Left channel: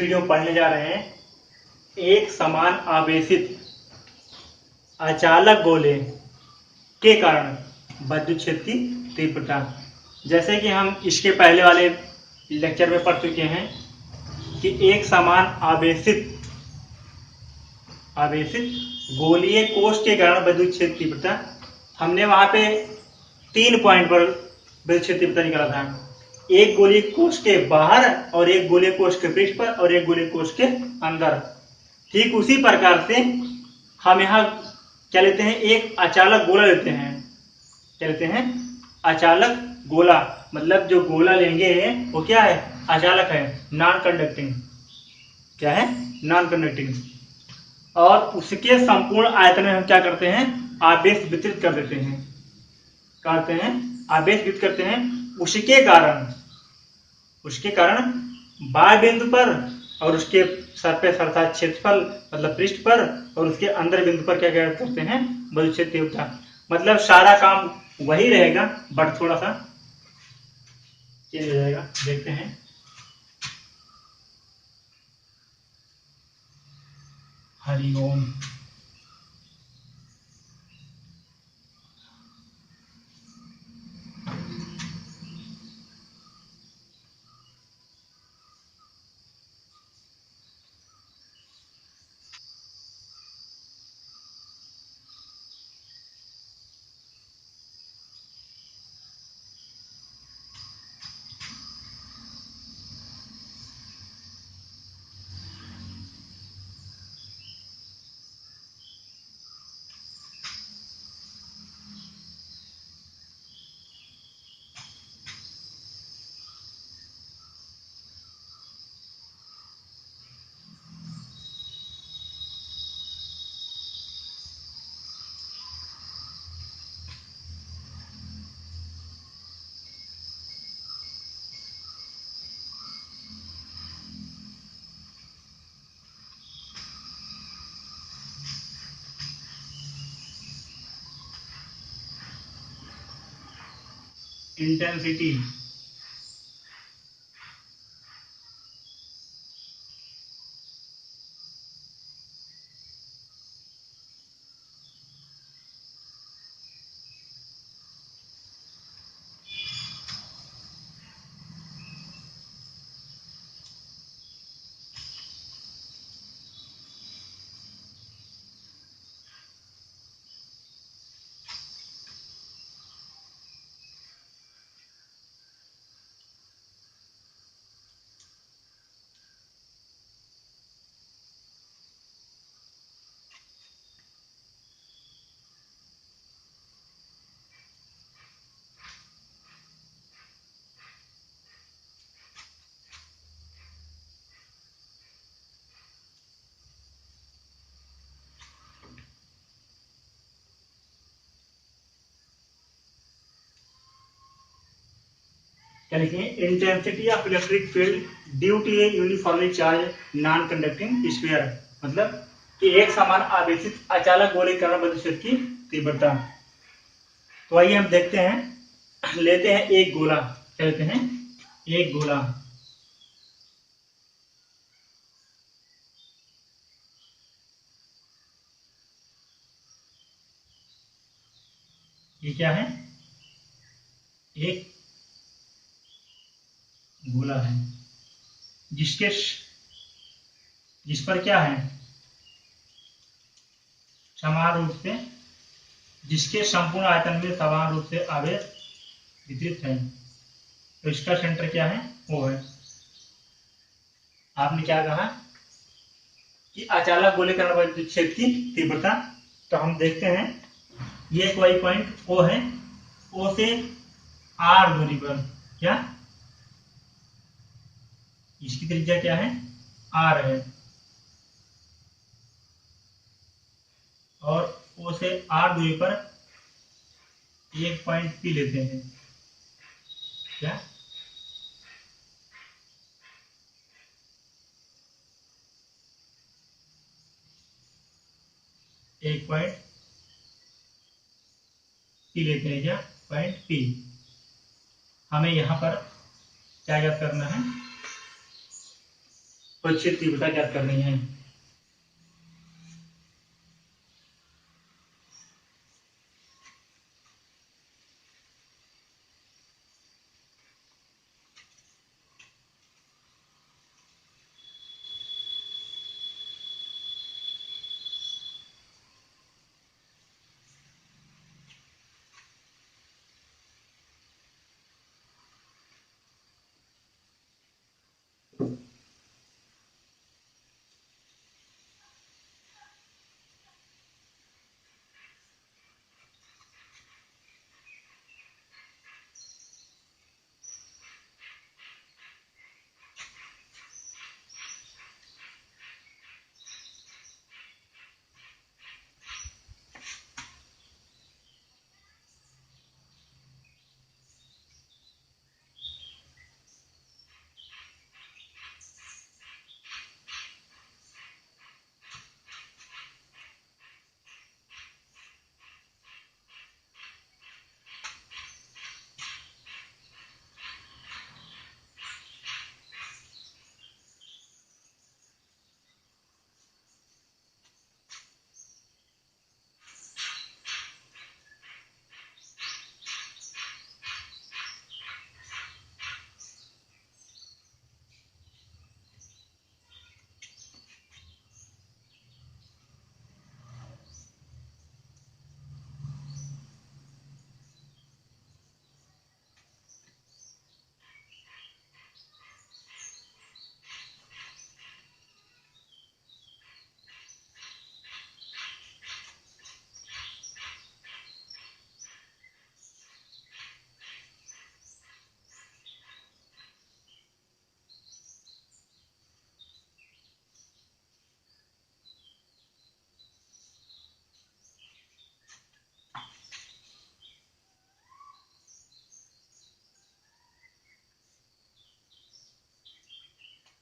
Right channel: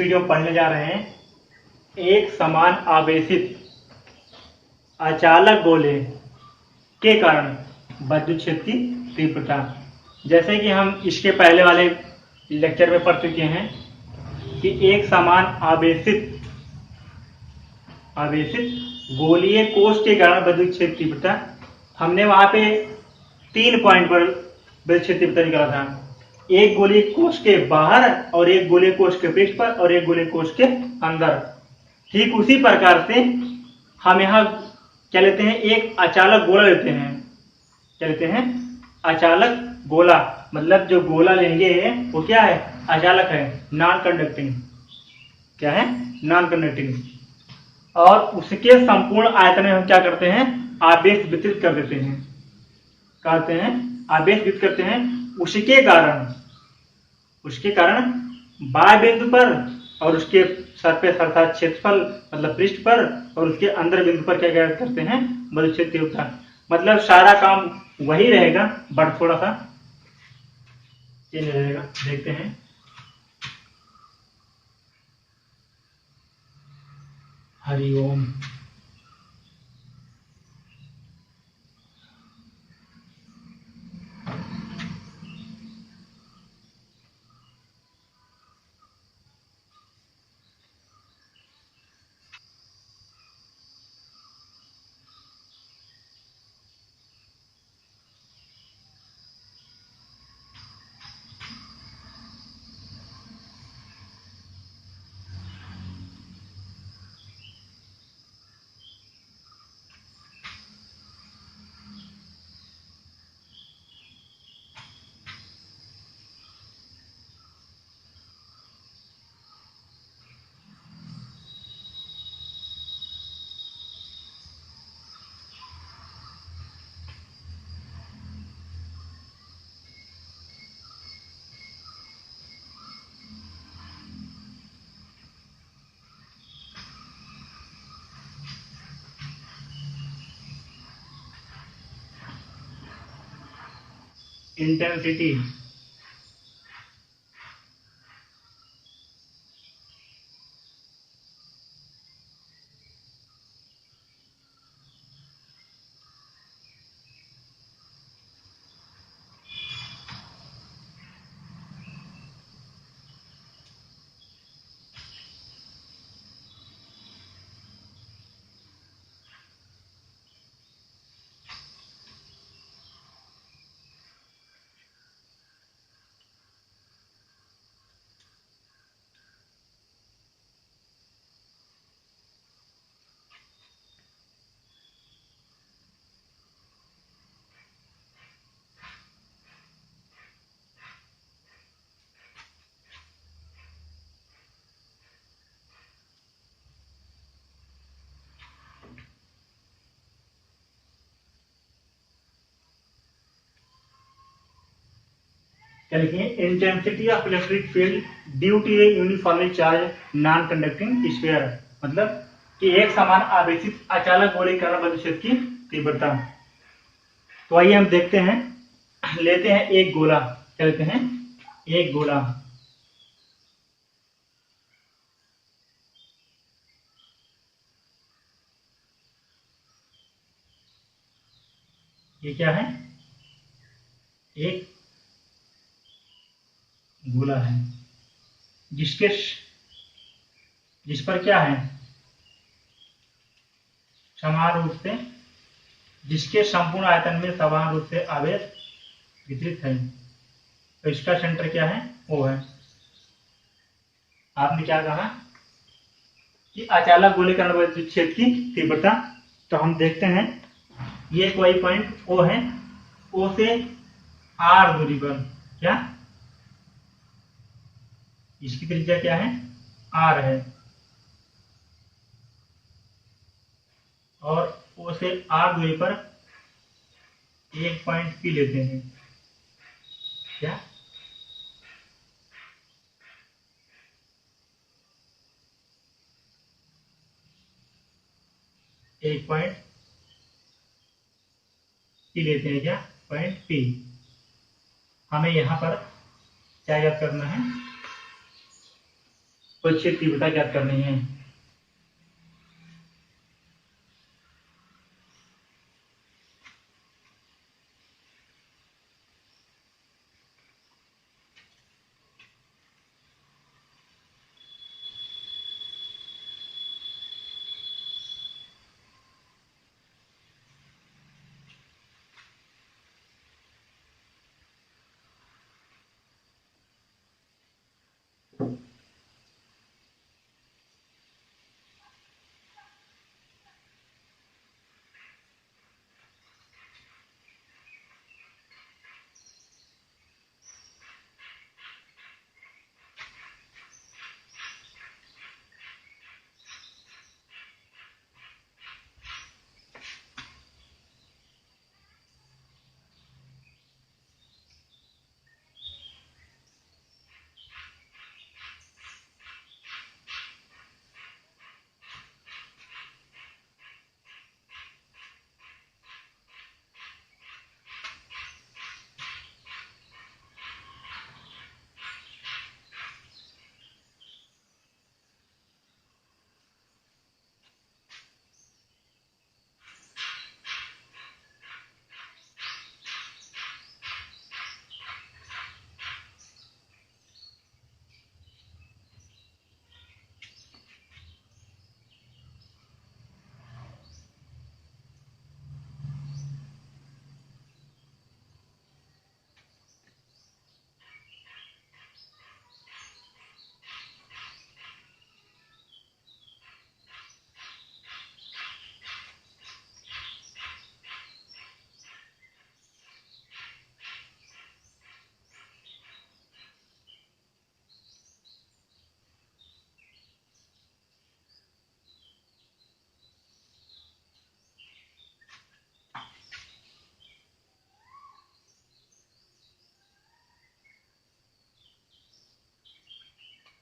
Video में पढ़ने जा रहे हैं एक समान आवेशित अचालक गोले के कारण विद्युत क्षेत्र की तीव्रता। जैसे कि हम इसके पहले वाले लेक्चर में पढ़ चुके हैं कि एक समान आवेशित गोलीय कोश के कारण विद्युत क्षेत्र तीव्रता, हमने वहां पे 3 पॉइंट पर विद्युत क्षेत्र तीव्रता निकाला था। एक गोलीय कोश के बाहर और एक गोलीय कोश के पृष्ठ पर और एक गोलीय कोश के अंदर। ठीक उसी प्रकार से हम यहाँ क्या लेते हैं, एक अचालक गोला लेते हैं। क्या लेते हैं? अचालक गोला। मतलब जो गोला लेंगे वो क्या है? अचालक है, नॉन कंडक्टिंग। क्या है? Non conducting. और उसके संपूर्ण आयतन में हम क्या करते हैं? आवेश वितरित कर देते हैं। करते हैं आवेश वितरित करते हैं। उसके कारण बाह्य बिंदु पर और उसके सरफेस अर्थात क्षेत्रफल मतलब पृष्ठ पर और उसके अंदर बिंदु पर क्या करते हैं? विद्युत क्षेत्र तीव्रता। मतलब सारा काम वही रहेगा बट थोड़ा सा चेंज हो जाएगा। देखते हैं। हरिओम। इंटेंसिटी क्या लिखेंगे? Intensity of electric field due to a uniformly charge non conducting sphere. मतलब कि एक समान आवेशित अचालक गोले के कारण विद्युत क्षेत्र की तीव्रता। तो आइए हम देखते हैं। लेते हैं एक गोला। क्या लेते हैं? एक गोला। ये क्या है? एक गोला है जिस पर क्या है? समान रूप से, जिसके संपूर्ण आयतन में समान रूप से आवेश वितरित है। तो इसका सेंटर क्या है? वो है। आपने क्या कहा कि अचालक गोले के कारण विद्युत क्षेत्र की तीव्रता। तो हम देखते हैं, ये एक वही पॉइंट ओ है। ओ से आर दूरी पर क्या इसकी त्रिज्या क्या है? आर है। और ओ से आर दूरी पर एक पॉइंट पी लेते हैं। क्या? एक पॉइंट पी लेते हैं। क्या? Point P. हमें यहां पर क्या याद करना है? परिच्छेद तीव्रता ज्ञात करनी है।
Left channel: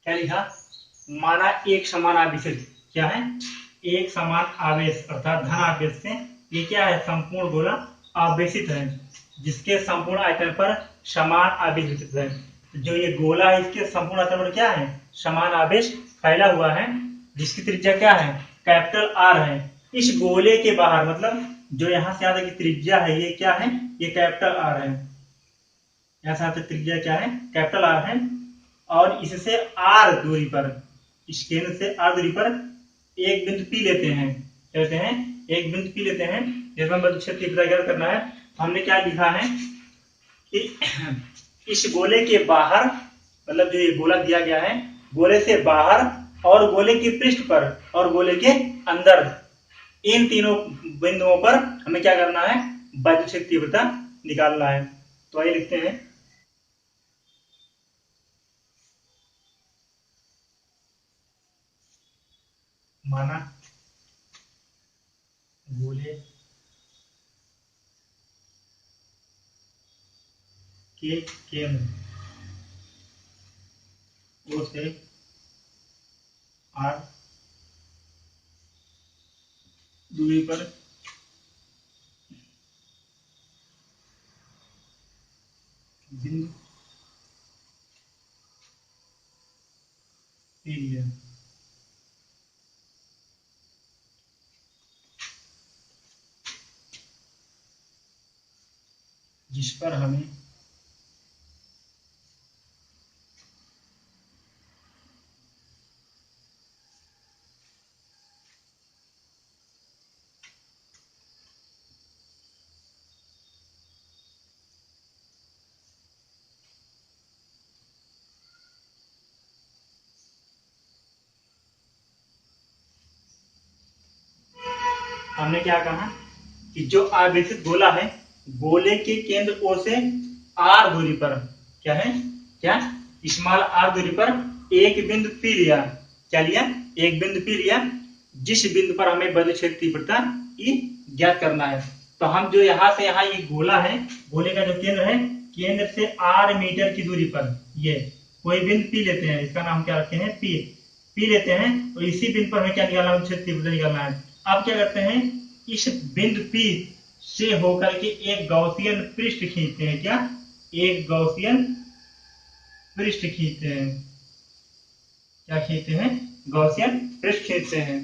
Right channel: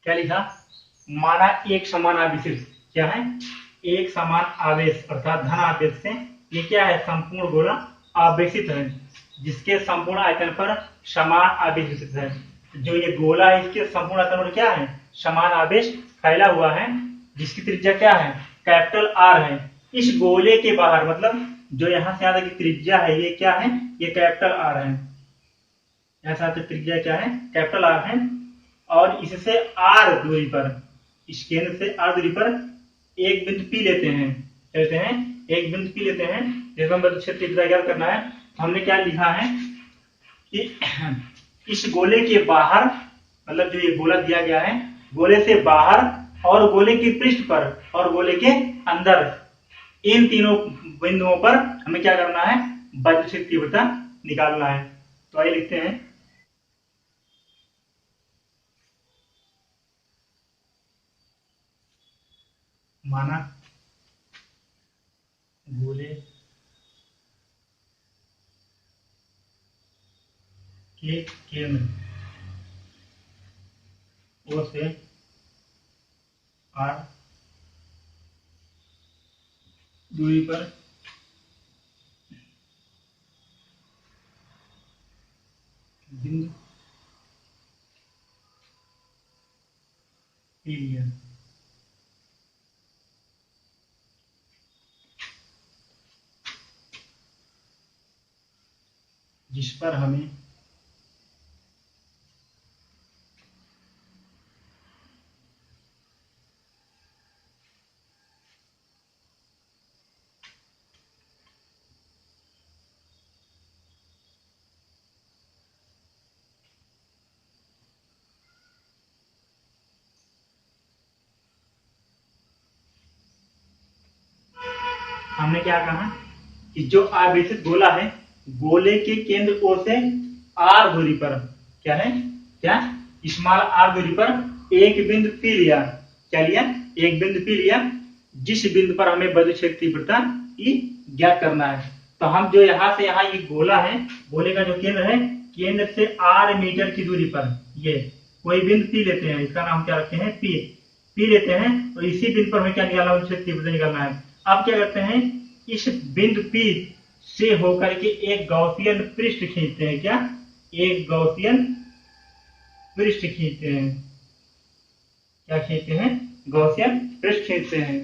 क्या लिखा? माना एक समान आवेश, क्या है? एक समान आवेश अर्थात धन आवेश से ये क्या है? संपूर्ण गोला आवेशित है, जिसके संपूर्ण आयतन पर समान आवेश वितरित है। जो ये गोला है इसके संपूर्ण आयतन पर क्या है? समान आवेश फैला हुआ है, जिसकी त्रिज्या क्या है? कैपिटल आर है। इस गोले के बाहर, मतलब जो यहाँ से यहाँ तक की त्रिज्या है, ये क्या है? ये कैपिटल आर है। यहाँ से त्रिज्या क्या है? कैपिटल आर है। और इससे आर दूरी पर, इस केंद्र से आर दूरी पर एक बिंदु पी लेते हैं, कहते हैं एक बिंदु पी लेते हैं, जैसे हम परिच्छेद तीव्रता ज्ञात करना है। हमने क्या लिखा है कि इस गोले के बाहर, मतलब जो ये गोला दिया गया है, गोले से बाहर और गोले के पृष्ठ पर और गोले के अंदर, इन तीनों बिंदुओं पर हमें क्या करना है? वैद्युत तीव्रता निकालना है। तो आइए लिखते हैं, माना गोले के केंद्र ओ से आर दूरी पर बिंदु पी लिया, जिस पर हमें हमने क्या कहा कि जो आवेशित गोला है, गोले के केंद्र ओ से आर दूरी पर क्या है? क्या? स्मॉल आर दूरी पर एक बिंदु पी लिया। क्या लिया? एक बिंदु पी लिया, जिस बिंदु पर हमें वैद्युत क्षेत्र तीव्रता ई ज्ञात करना है। तो हम जो यहाँ से यहाँ ये गोला है, गोले का जो केंद्र है, केंद्र से आर मीटर की दूरी पर ये कोई बिंदु पी लेते हैं, इसका नाम क्या रखते हैं? पी लेते हैं। और इसी बिंदु पर हमें क्या निकालना है? क्षेत्र तीव्रता निकालना है। अब क्या करते हैं? इस बिंदु P से होकर के एक गॉसियन पृष्ठ खींचते हैं। क्या? एक गॉसियन पृष्ठ खींचते हैं। क्या खींचते हैं? गॉसियन पृष्ठ खींचते हैं।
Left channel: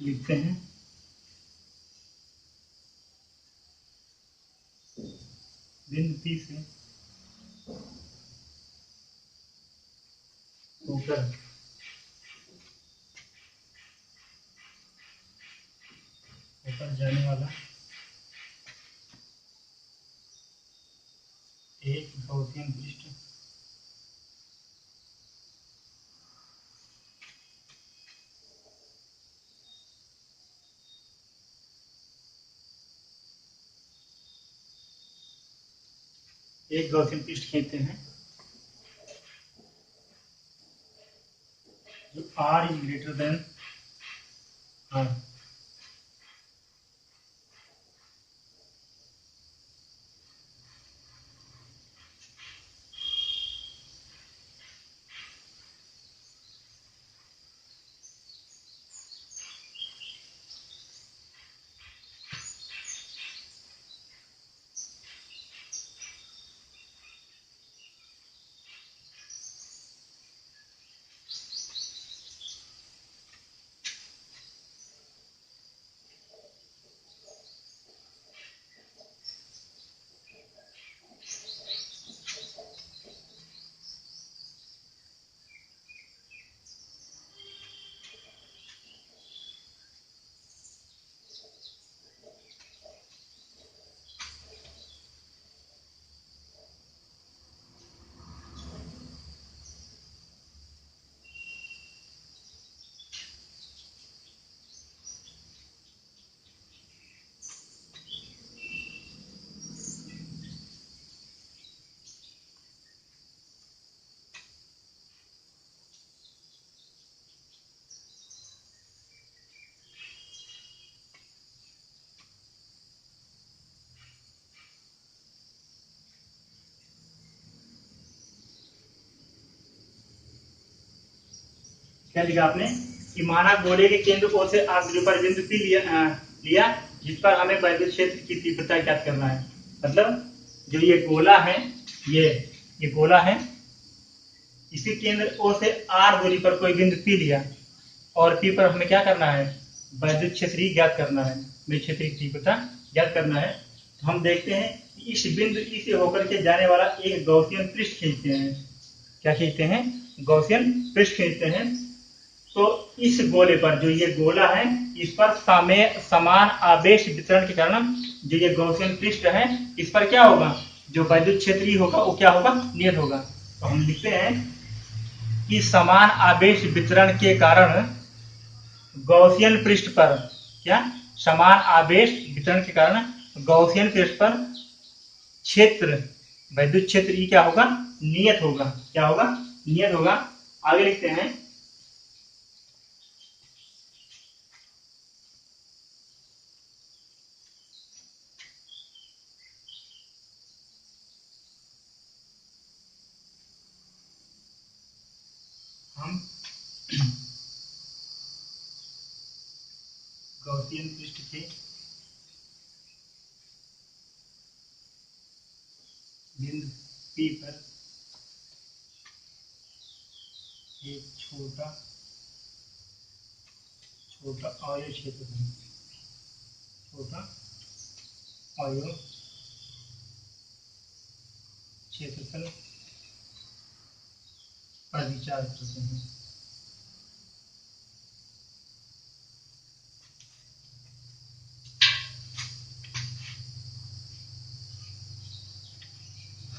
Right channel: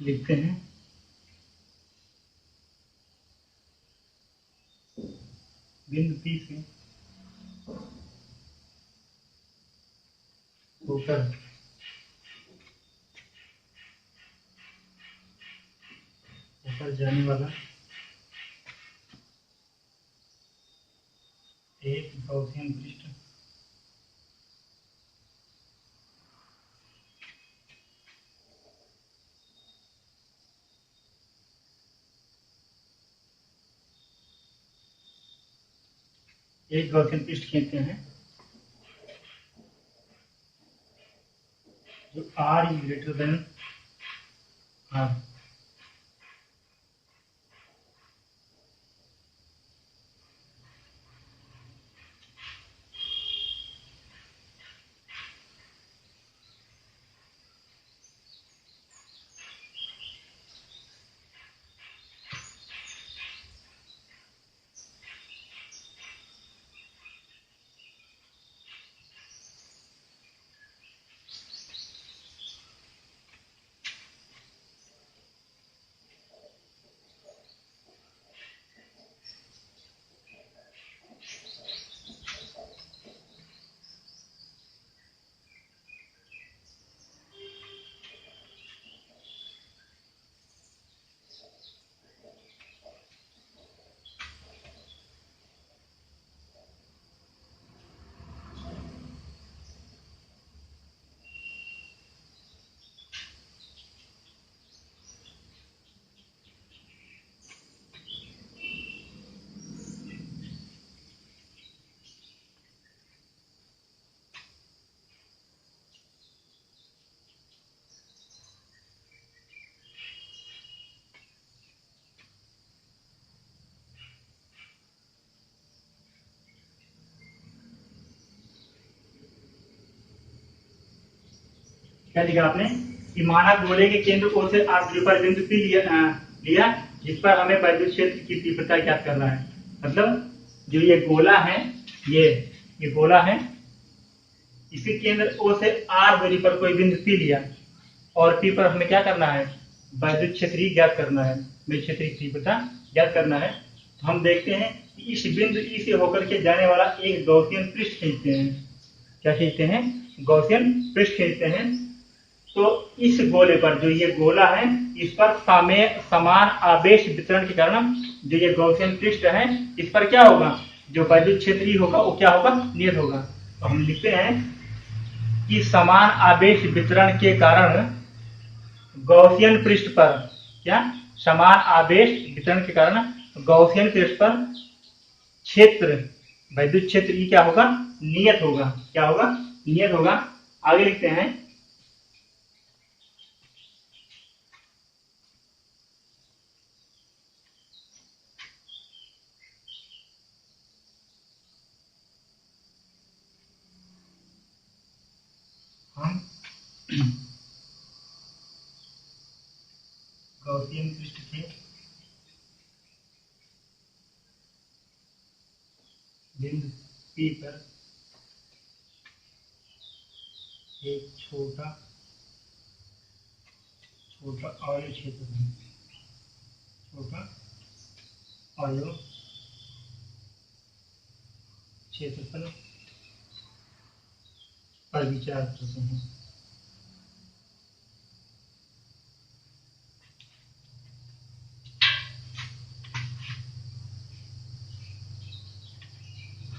लिखते हैं बिंदु P से होकर ऊपर जाने वाला एक गॉसियन पृष्ठ एक गॉसियन पृष्ठ खींचते हैं जो R is greater than R। क्या लिखा आपने कि माना गोले के केंद्र O से R दूरी पर बिंदु P लिया जिस पर हमें वैद्युत क्षेत्र की तीव्रता ज्ञात करना है। मतलब जो ये गोला है, ये गोला है, इसके केंद्र O से R दूरी पर कोई बिंदु P लिया और P पर हमें क्या करना है? वैद्युत क्षेत्र ज्ञात करना है, विद्युत क्षेत्र की तीव्रता ज्ञात करना है। तो हम देखते हैं कि इस बिंदु E से होकर के जाने वाला एक गॉसियन पृष्ठ खींचते हैं। क्या खींचते हैं? गॉसियन पृष्ठ खींचते हैं। तो इस गोले पर, जो ये गोला है, इस पर समान आवेश वितरण के कारण जो ये गॉसियन पृष्ठ है, इस पर क्या होगा? जो वैद्युत क्षेत्र होगा वो क्या होगा? नियत होगा। तो हम लिखते हैं कि समान आवेश वितरण के कारण गॉसियन पृष्ठ पर, क्या? समान आवेश वितरण के कारण गॉसियन पृष्ठ पर क्षेत्र, वैद्युत क्षेत्र क्या होगा? नियत होगा। क्या होगा? नियत होगा। आगे लिखते हैं हम गॉसियन पृष्ठ के बिंदु P पर एक छोटा अवयव क्षेत्रफल, छोटा अवयव क्षेत्रफल पर विचार करते हैं।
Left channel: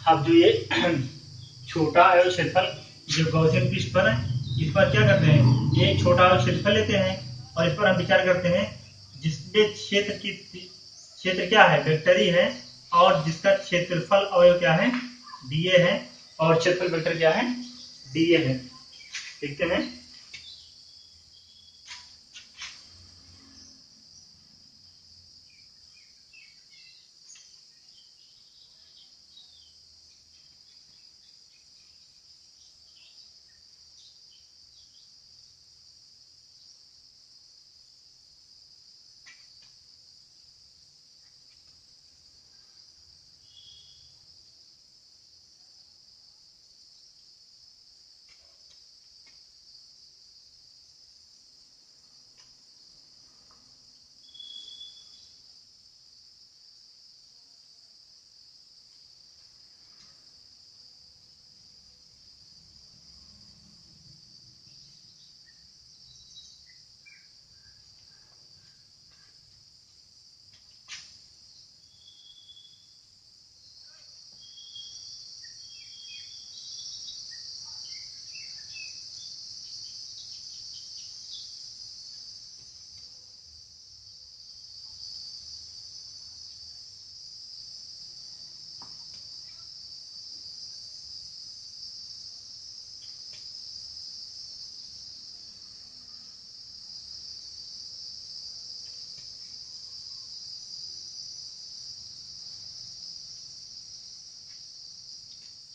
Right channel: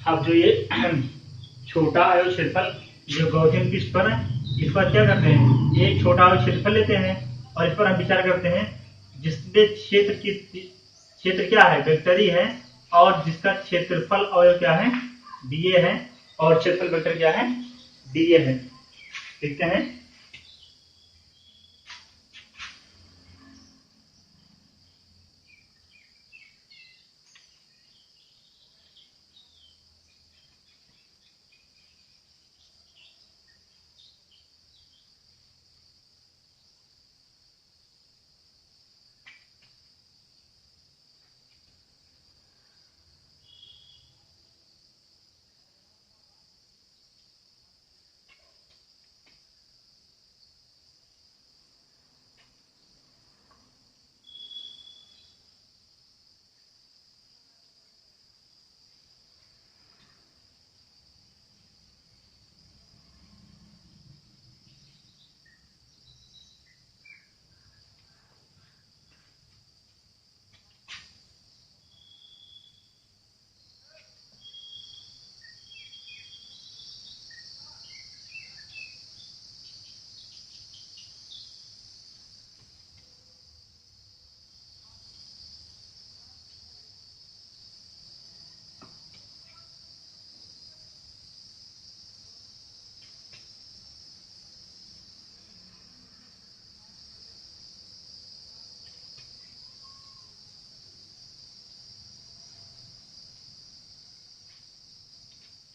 अब जो ये छोटा अवयव क्षेत्रफल जो गॉसियन पृष्ठ पर है, इस पर क्या करते हैं? ये छोटा अवयव क्षेत्रफल लेते हैं और इस पर हम विचार करते हैं जिसमें क्षेत्र क्या है? वेक्टर ही है, और जिसका क्षेत्रफल अवयव क्या है? dA है, और क्षेत्रफल वेक्टर क्या है? dA है। देखते हैं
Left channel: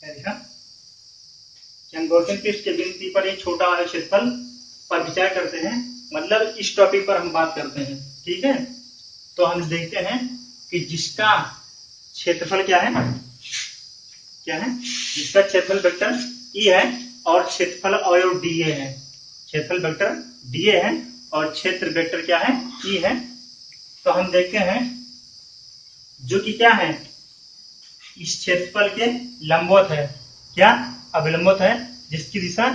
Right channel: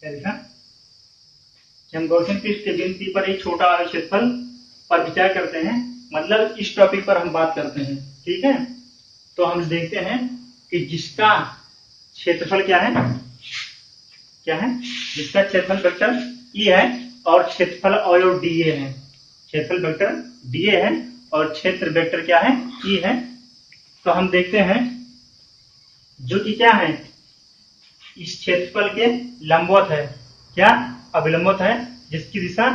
क्या लिखा कि हम गॉसियन पृष्ठ के बिंदु पर एक छोटा वाले क्षेत्रफल पर विचार करते हैं, मतलब इस टॉपिक पर हम बात करते हैं। ठीक है, तो हम देखते हैं कि जिसका क्षेत्रफल क्या है, जिसका क्षेत्रफल वेक्टर ई है और क्षेत्रफल अवयव डीए है। क्षेत्रफल वेक्टर डीए है और क्षेत्र वेक्टर क्या है, ई है। तो हम देखते हैं जो कि क्या है, इस क्षेत्रफल के लंबवत है, क्या अभिलंबवत है, जिसकी दिशा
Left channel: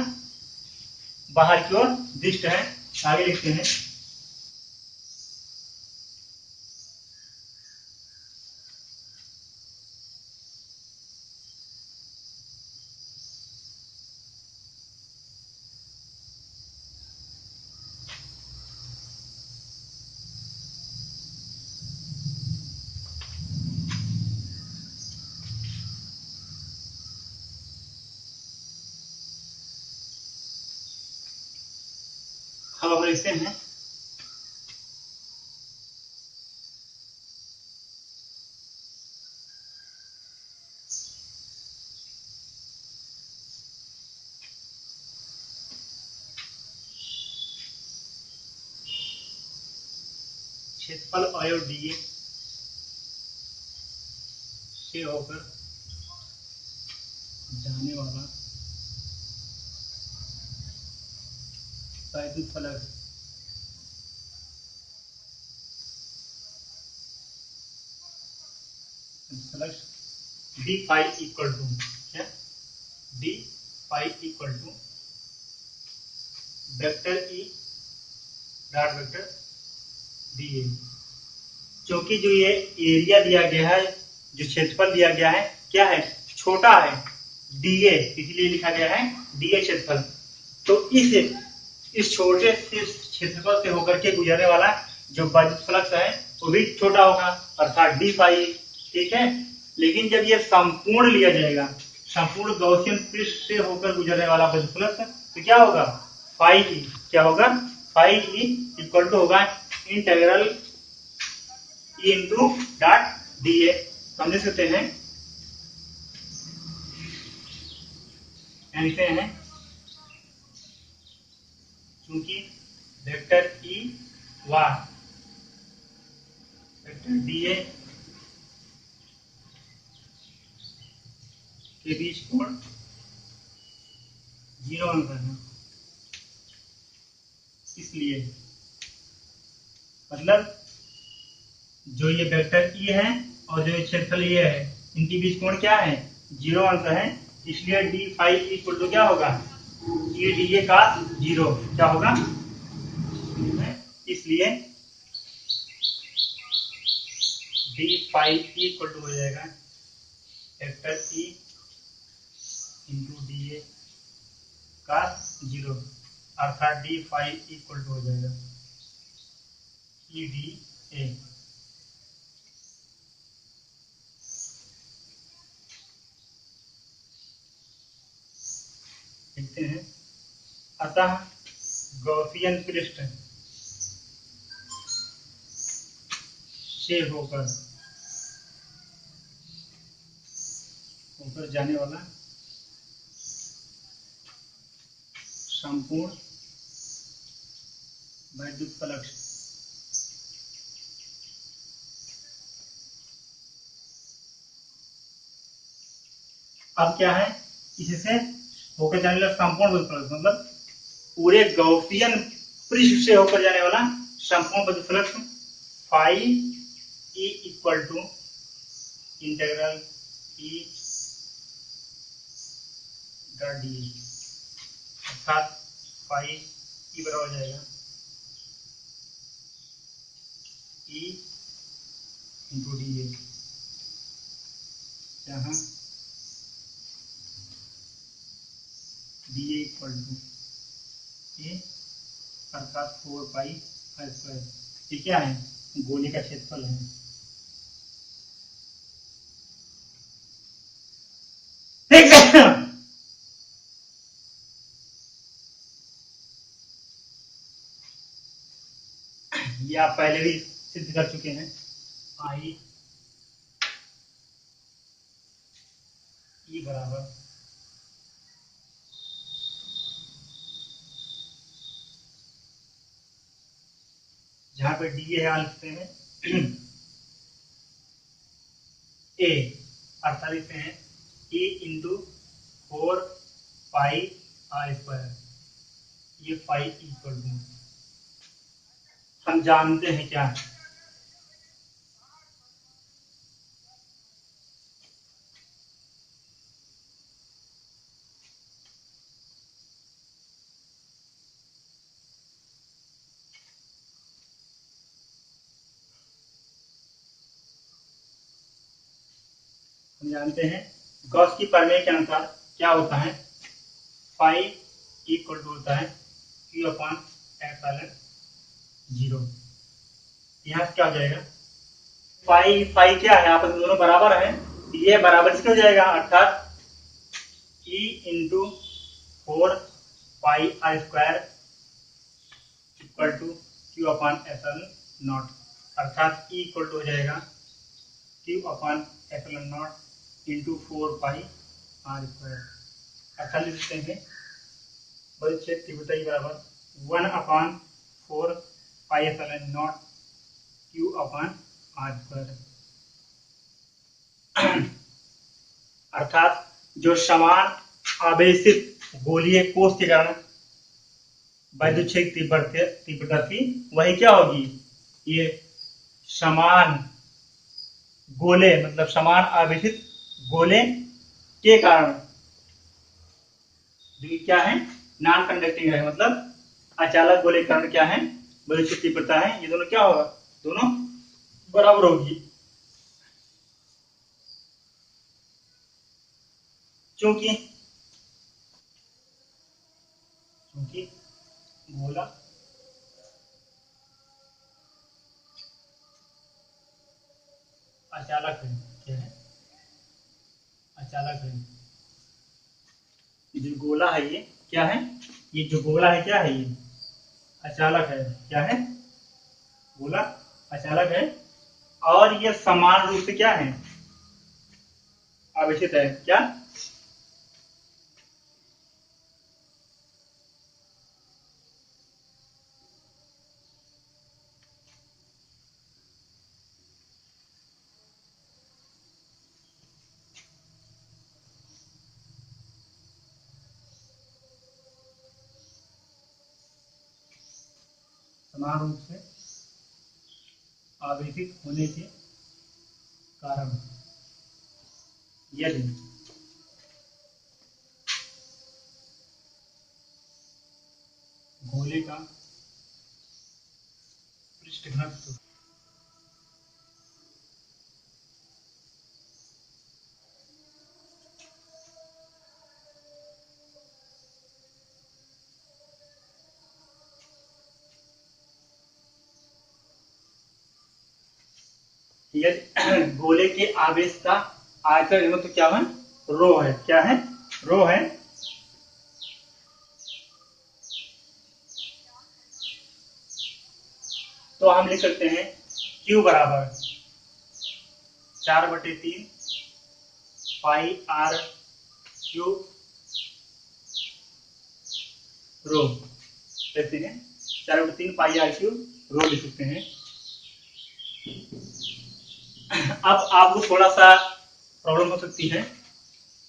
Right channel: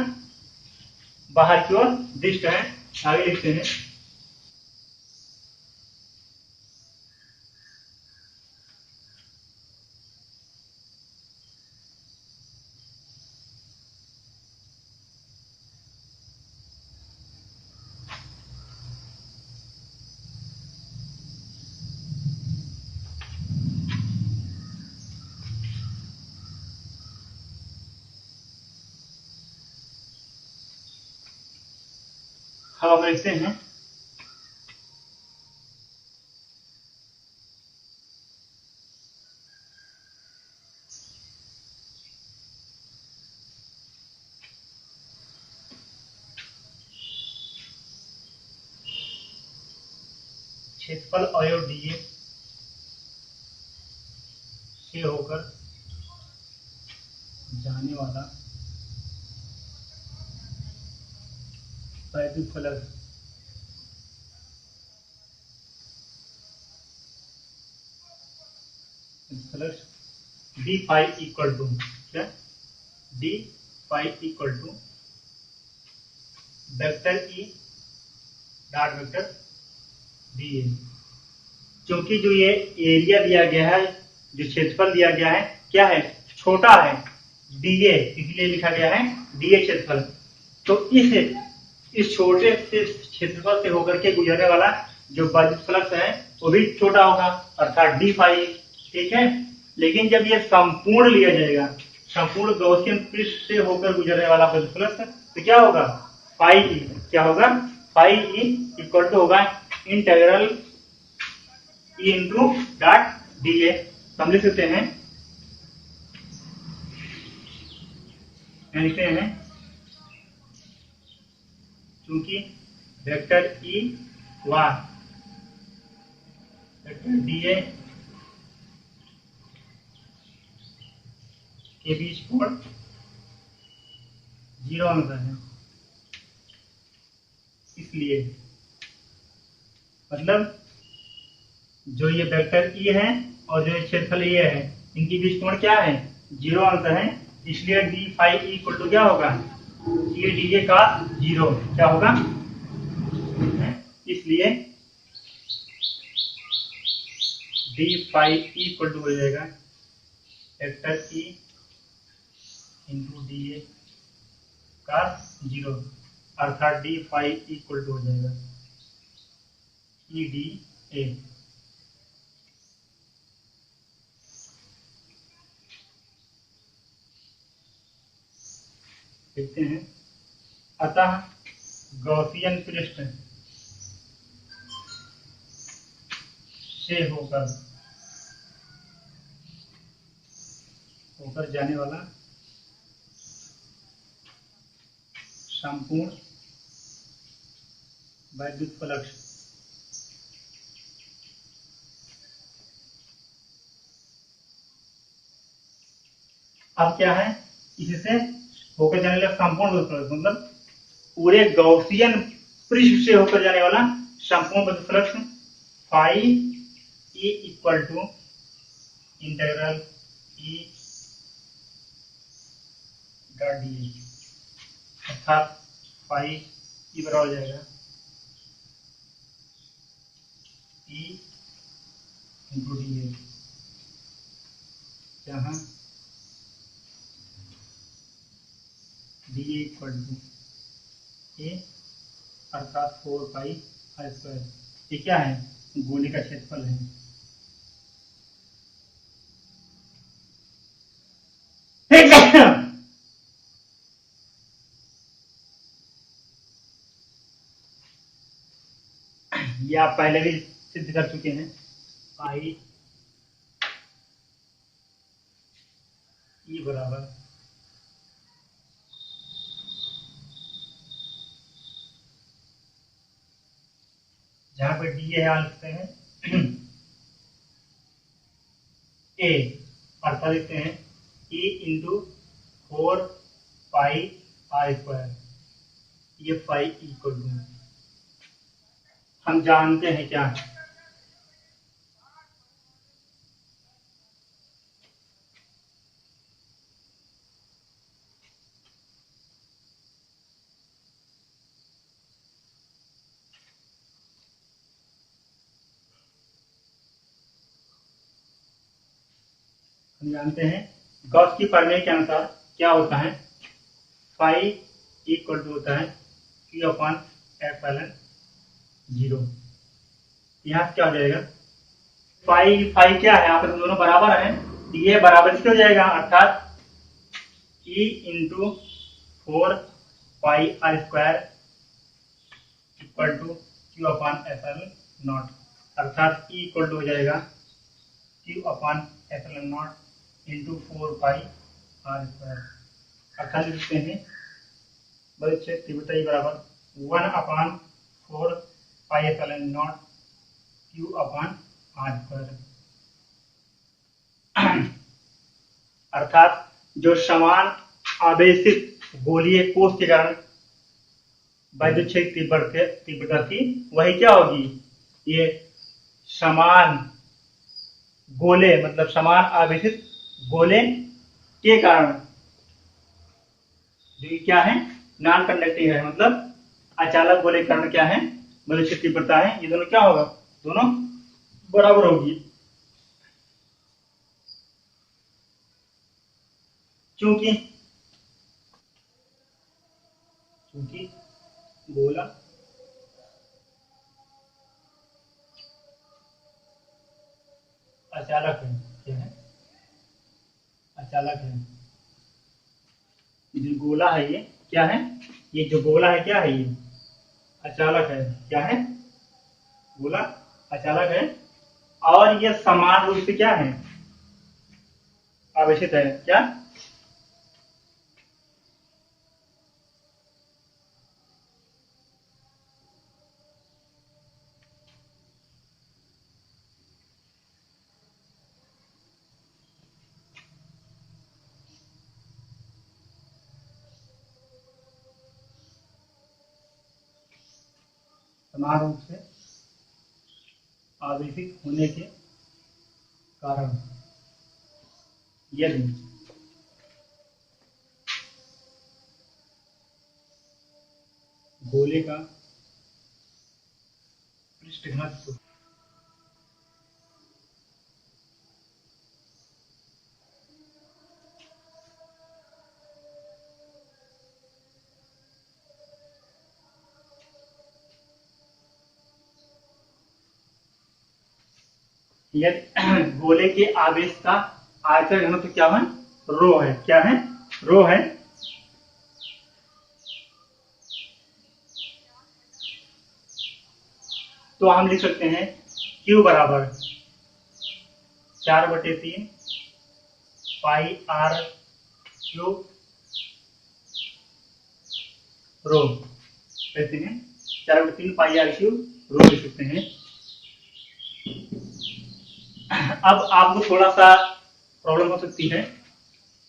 बाहर की ओर दिष्ट है। आगे लिखते हैं हम लिखते हैं क्षेत्रफल अवयव डीए से होकर जाने वाला वैद्युत फलक डी फाई इक्वल टू क्या, d phi equal to vector E dot vector d A. क्योंकि जो ये एरिया दिया गया है, जो क्षेत्रफल दिया गया है, क्या है, छोटा है, डीए, इसलिए लिखा गया है डीए क्षेत्रफल। तो इस छोटे से क्षेत्रफल से होकर के गुजरने वाला जो वैद्युत फ्लक्स है वो भी छोटा होगा, अर्थात डी फाई। ठीक है, लेकिन जब ये संपूर्ण लिया जाएगा, संपूर्ण गॉसियन पृष्ठ से होकर गुजरने वाला वैद्युत फ्लक्स, तो क्या होगा, फाई ई, क्या होगा, फाई ई इक्वल टू होगा integral E into dot D A. हम लिख सकते हैं, लिखते हैं क्योंकि वेक्टर ई व वेक्टर डी ए के बीच कोण 0 अंतर है, इसलिए मतलब जो ये वेक्टर ई है और जो क्षेत्रफल ये है, इनके बीच कोण क्या है, 0 अंतर है। इसलिए डी फाई इक्वल टू क्या होगा, ये डी ए का 0 क्या होगा, इसलिए डी फाई इक्वल टू हो जाएगा वेक्टर ई इंटू डी ए का 0, अर्थात डी फाई इक्वल टू हो जाएगा ई डी ए। देखते हैं, अतः गॉसियन पृष्ठ से होकर जाने वाला संपूर्ण वैद्युत फ्लक्स अब क्या है, इससे होकर जाने वाला संपूर्ण वैद्युत फ्लक्स मतलब पूरे गॉसियन पृष्ठ से होकर जाने वाला संपूर्ण वैद्युत flux phi E equal to integral E dot d, अर्थात फाई ई बराबर हो जाएगा ई इंटू डी ए, जहाँ d A equal to A अर्थात 4 पाई आर स्क्वायर। ये क्या है, गोले का क्षेत्रफल है। ये आप पहले भी सिद्ध कर चुके हैं, पाई ई बराबर जहां पे डी है यहाँ लिखते हैं ए, अर्थात लिखते हैं ई इंटू 4 पाई r²। ये पाई इक्वल टू हम जानते हैं क्या है, हम जानते हैं गॉस की प्रमेय के अनुसार क्या होता है, फाई इक्वल टू होता है क्यू अपॉन एप्सिलॉन 0। यहाँ से क्या हो जाएगा, फाई फाई क्या है, आप दोनों बराबर हैं, ये बराबर से हो जाएगा, अर्थात E into 4 pi r² equal to q upon epsilon naught, अर्थात ई इक्वल टू हो जाएगा q upon epsilon naught into 4 pi r²। अर्थात लिखते हैं बल क्षेत्र तीव्रता बराबर 1/4 pi epsilon naught q upon r²। अर्थात जो समान आवेशित गोलीय कोष के कारण वैद्युत क्षेत्र तीव्रता थी, वही क्या होगी, ये समान गोले मतलब समान आवेशित गोले के कारण, जो क्या है नॉन कंडक्टिंग है, मतलब अचालक गोले के कारण क्या है वैद्युत क्षेत्र तीव्रता है, ये दोनों क्या होगा, दोनों बराबर होगी। क्योंकि गोला अचालक है, क्या है अचालक है, जो गोला है ये क्या है, ये जो गोला है क्या है, ये अचालक है, क्या है गोला अचालक है, और ये समान रूप से क्या है आवेशित है, क्या समान रूप से आवेशित होने के कारण यदि गोले का पृष्ठ घनत्व यदि गोले के आवेश का आयतन घनत्व क्या है, रो है, क्या है रो है, तो हम लिख सकते हैं Q बराबर 4/3 पाई r³ रो, कहते हैं 4/3 पाई r³ रो लिख सकते हैं। अब आपको थोड़ा सा प्रॉब्लम हो सकती है,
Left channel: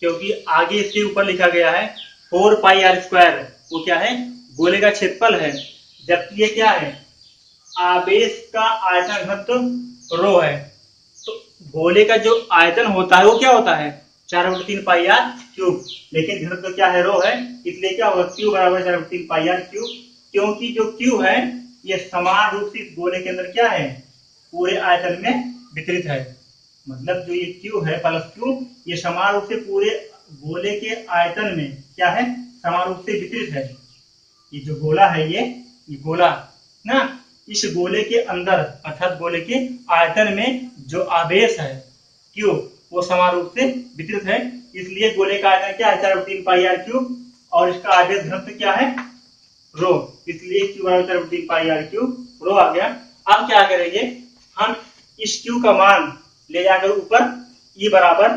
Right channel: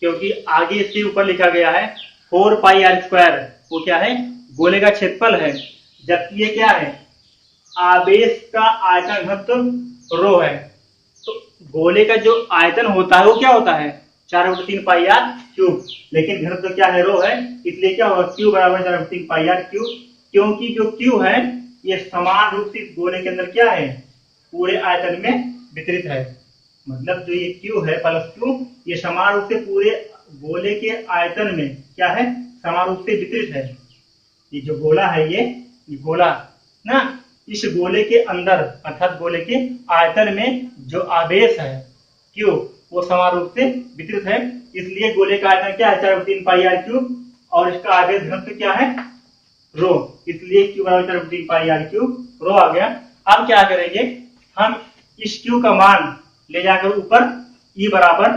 क्योंकि आगे इसके ऊपर लिखा गया है 4 पाई r², वो क्या है गोले का क्षेत्रफल है, जबकि ये क्या है आवेश का आयतन घनत्व रो है, तो गोले का जो आयतन होता है वो क्या होता है 4/3 पाई r³, लेकिन घनत्व क्या है रो है, इसलिए क्या होगा Q बराबर 4/3 पाई r³, क्योंकि जो Q है ये समान रूप से गोले के अंदर क्या है पूरे आयतन में वितरित है, मतलब जो ये Q है प्लस Q ये समान रूप से पूरे गोले के आयतन में क्या है समान रूप से वितरित है। ये जो गोला है ये गोला ना, इस गोले के अंदर अर्थात गोले के आयतन में जो आवेश है Q वो समान रूप से वितरित है, इसलिए गोले का आयतन क्या है 4/3 पाई r³ और इसका आवेश घनत्व क्या है रो, इसलिए Q बराबर 4/3 पाई r³ रो आ गया। अब क्या करेंगे हम इस Q का मान ले जाकर ऊपर E बराबर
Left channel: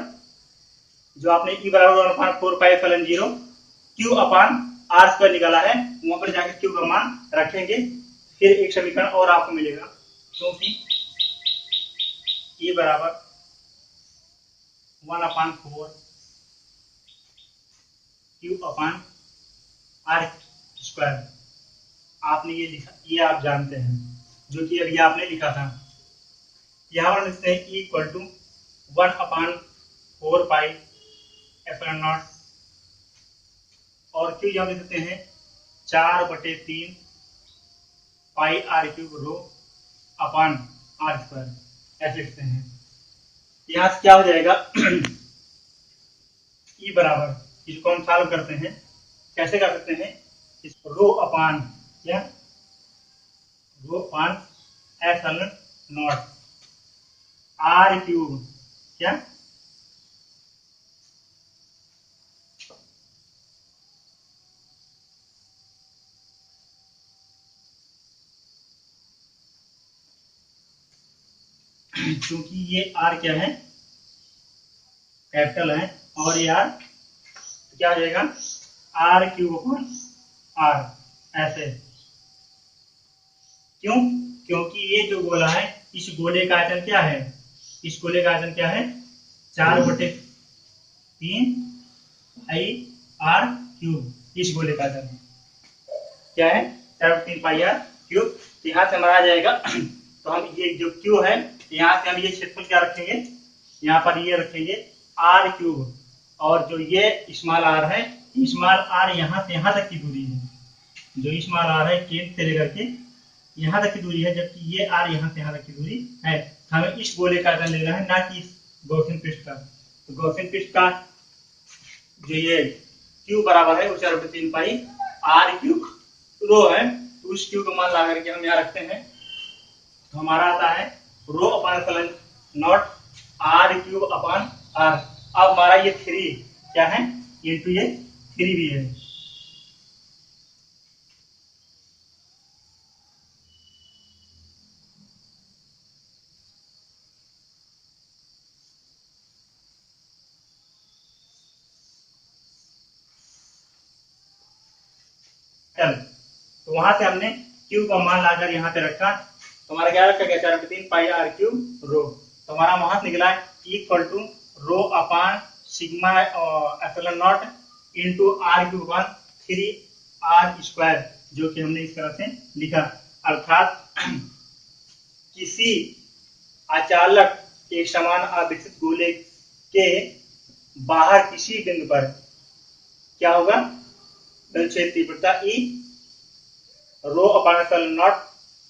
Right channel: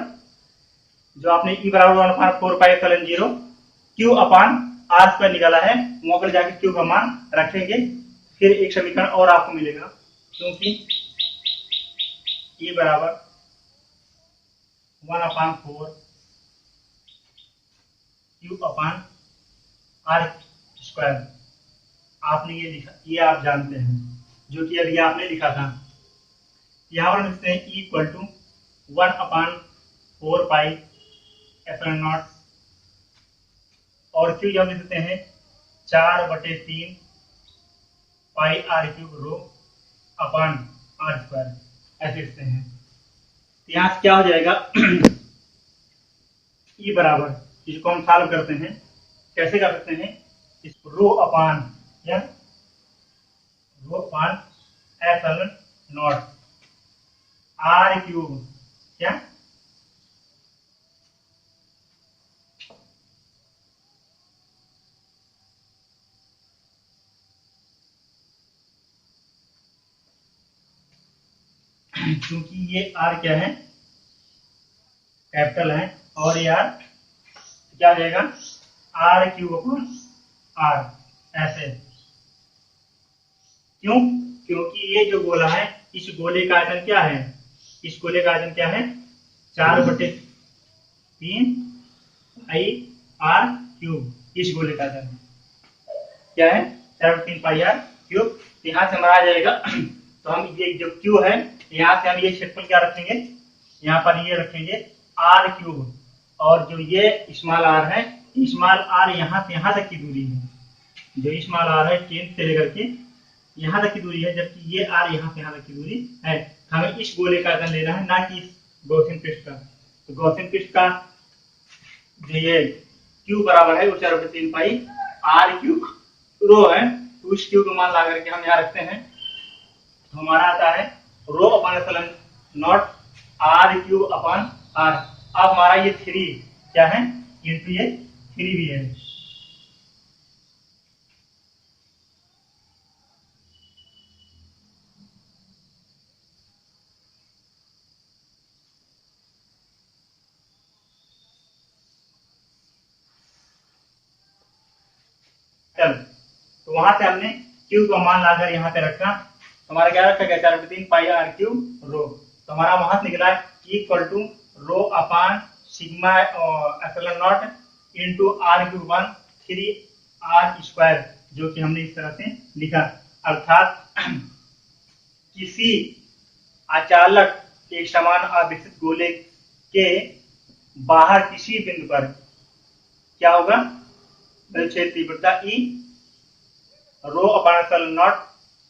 जो आपने ई बराबर 1/4πε0 क्यू अपान आर स्क्वायर निकाला है, वहां पर जाके क्यू का मान रखेंगे, फिर एक समीकरण और आपको मिलेगा, क्योंकि ई बराबर 1/4 क्यू अपान आर स्क्वायर आपने ये लिखा, ये आप जानते हैं, जो कि अभी आपने लिखा था। यहाँ पर लिखते हैं ई इक्वल टू 1/4πε0 और क्यू यहाँ लिख देते हैं 4/3 pi are cube rho upon are square, ऐसे लिखते हैं। यहाँ से क्या हो जाएगा ई बराबर, इसको हम सॉल्व करते हैं, कैसे कर सकते हैं, इस रो अपान क्या, रो अपान ε0 आर क्यूब क्या, क्योंकि ये आर क्या है, कैपिटल है, और ये आर क्या हो जाएगा, आर क्यूब अपॉन आर, ऐसे। क्यों, क्योंकि ये जो गोला है, इस गोले का आयतन क्या है, इस गोले का आयतन क्या है, 4/3 पाई आर क्यूब, इस गोले का आयतन क्या है, 4/3 पाई आर क्यूब। यहाँ से हमारा आ जाएगा तो हम ये जो क्यू है, यहाँ से हम ये क्षेत्रफल क्या रखेंगे, यहाँ पर ये रखेंगे आर क्यूब, और जो ये स्मॉल आर है, स्मॉल आर यहाँ से यहाँ तक की दूरी है, जो स्मॉल आर है केंद्र से लेकर के यहाँ तक की दूरी है, जबकि ये आर यहाँ से यहाँ तक की दूरी है। हमें इस गोले का आयतन लेना है, ना कि इस गॉसियन पृष्ठ का। तो गॉसियन पृष्ठ का जो ये क्यू बराबर है वो 4/3 पाई आर क्यूब रो है, तो उस क्यू का मान ला करके हम यहाँ रखते हैं, तो हमारा आता है रो upon ε0 R cube upon are. अब हमारा ये 3 क्या है, इंटू ये 3 भी है। चल, तो वहां से हमने क्यू का मान लाकर यहाँ पे रखा, तो हमारा क्या रखा गया, 4/3 पाई आर क्यूब रो। तो हमारा वहां से निकला equal to rho upon sigma ε0 into R cube upon 3 R square, जो कि हमने इस तरह से लिखा। अर्थात किसी अचालक एक समान आवेशित गोले के बाहर किसी बिंदु पर क्या होगा, बल क्षेत्र तीव्रता E rho upon ε0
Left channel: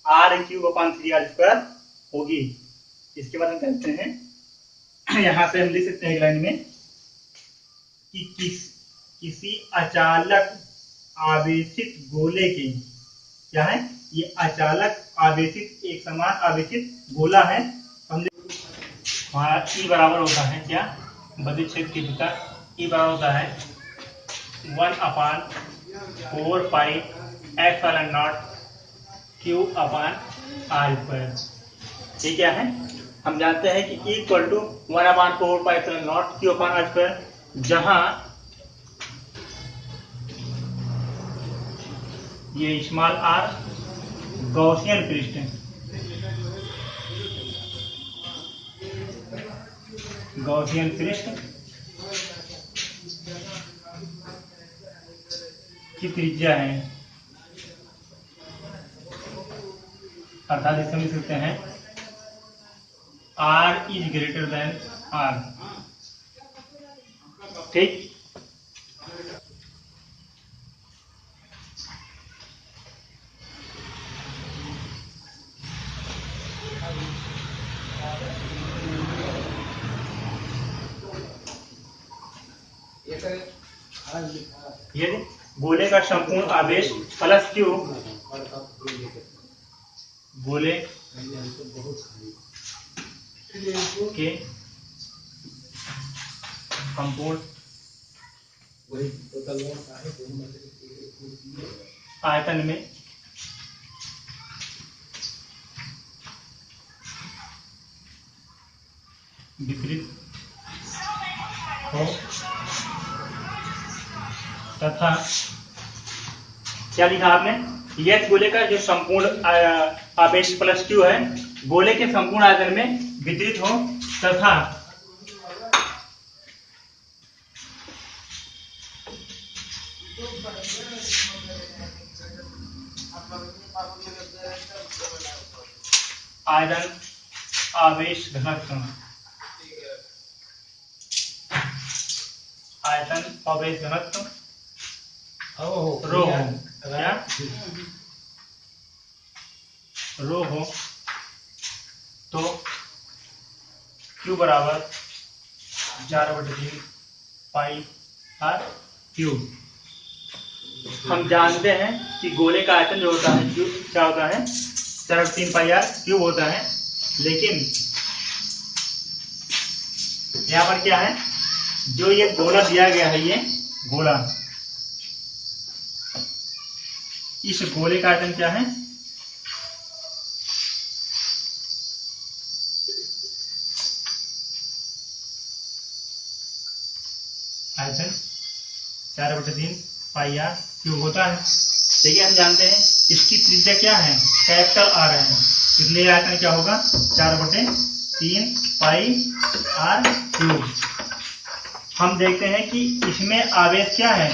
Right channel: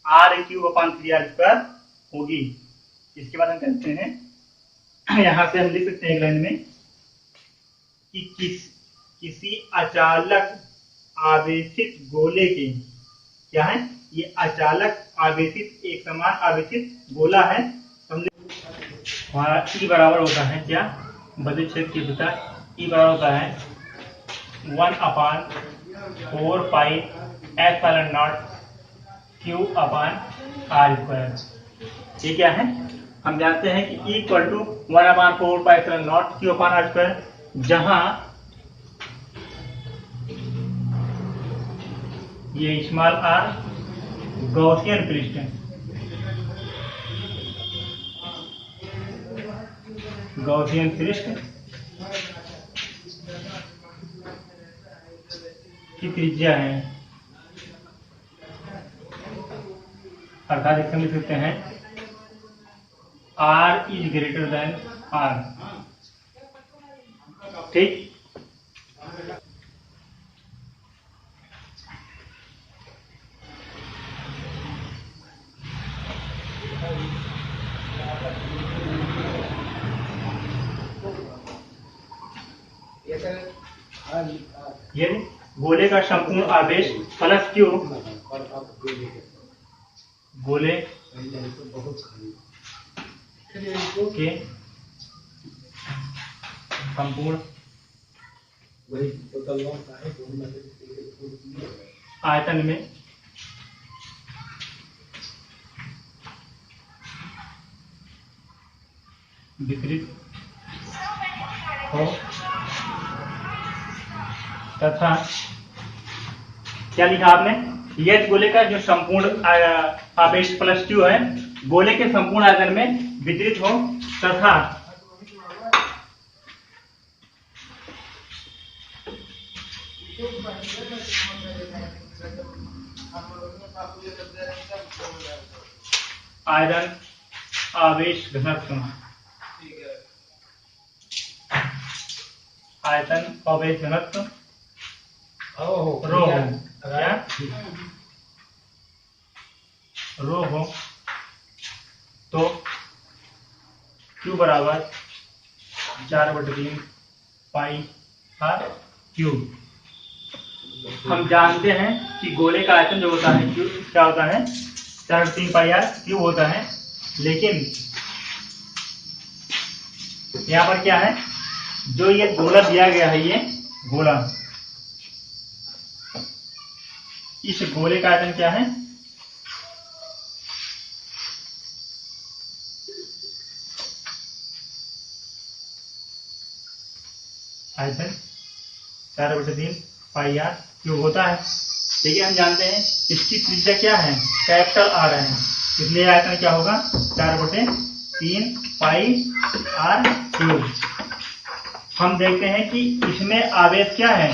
R cube upon 3 R square होगी। इसके बाद हम कहते हैं, यहां से हम लिख सकते हैं एक लाइन में कि किसी अचालक आवेशित गोले के, क्या है, ये अचालक आवेशित एक समान आवेशित गोला है। हमने हमारा ई बराबर होता है क्या, बदल क्षेत्र तीव्रता ई बराबर होता है 1/4 pi ε0 Q upon are square. ये क्या है, हम जानते हैं कि equal to 1/4 pi ε0 Q upon are square, जहां ये स्मॉल आर गॉसियन पृष्ठ है, गॉसियन पृष्ठ की त्रिज्या है, अर्थात इसे हम लिख सकते हैं R is greater than R। ठीक, ये गोले का संपूर्ण आवेश प्लस क्यू, गोले के संपूर्ण आयतन में वितरित हो तथा क्या लिखा आपने, यदि गोले का जो संपूर्ण आवेश प्लस क्यू है गोले के संपूर्ण आयतन में वितरित हो तथा आयतन आवेश घनत्व, आयतन आवेश घनत्व रो हो, क्या रो हो तो Q बराबर 4/3 पाई आर क्यूब। हम जानते हैं कि गोले का आयतन जो होता है क्यूब क्या होता है 4/3 पाई आर क्यूब होता है, लेकिन यहाँ पर क्या है, जो ये गोला दिया गया है, ये गोला, इस गोले का आयतन क्या है, आयतन 4/3 पाई आर क्यूब होता है। देखिए हम जानते हैं इसकी त्रिज्या क्या है, कैपिटल आर है, इसलिए आयतन क्या होगा 4/3 पाई आर क्यूब। हम देखते हैं कि इसमें आवेश क्या है,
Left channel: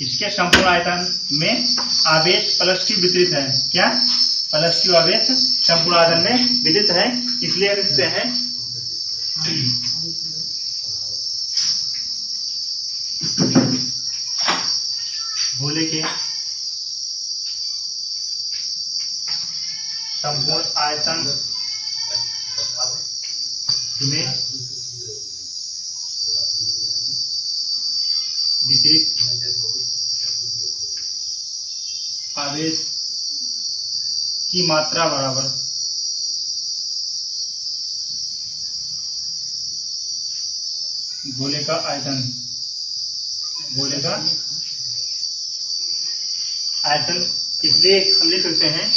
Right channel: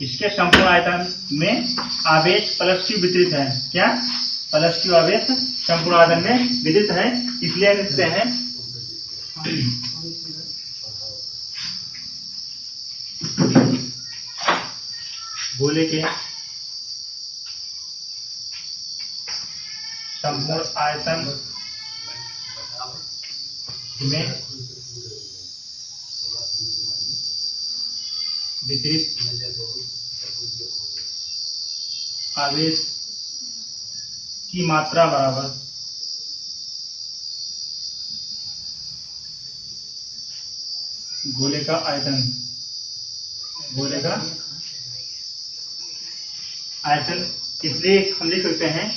इसके संपूर्ण आयतन में आवेश प्लस क्यू वितरित है, क्या प्लस क्यू आवेश संपूर्ण आयतन में वितरित है, इसलिए लिखते हैं गोले के संपूर्ण आयतन में वितरित आवेश की मात्रा बराबर गोले का आयतन, गोले का आयतन। इसलिए हम लिख सकते हैं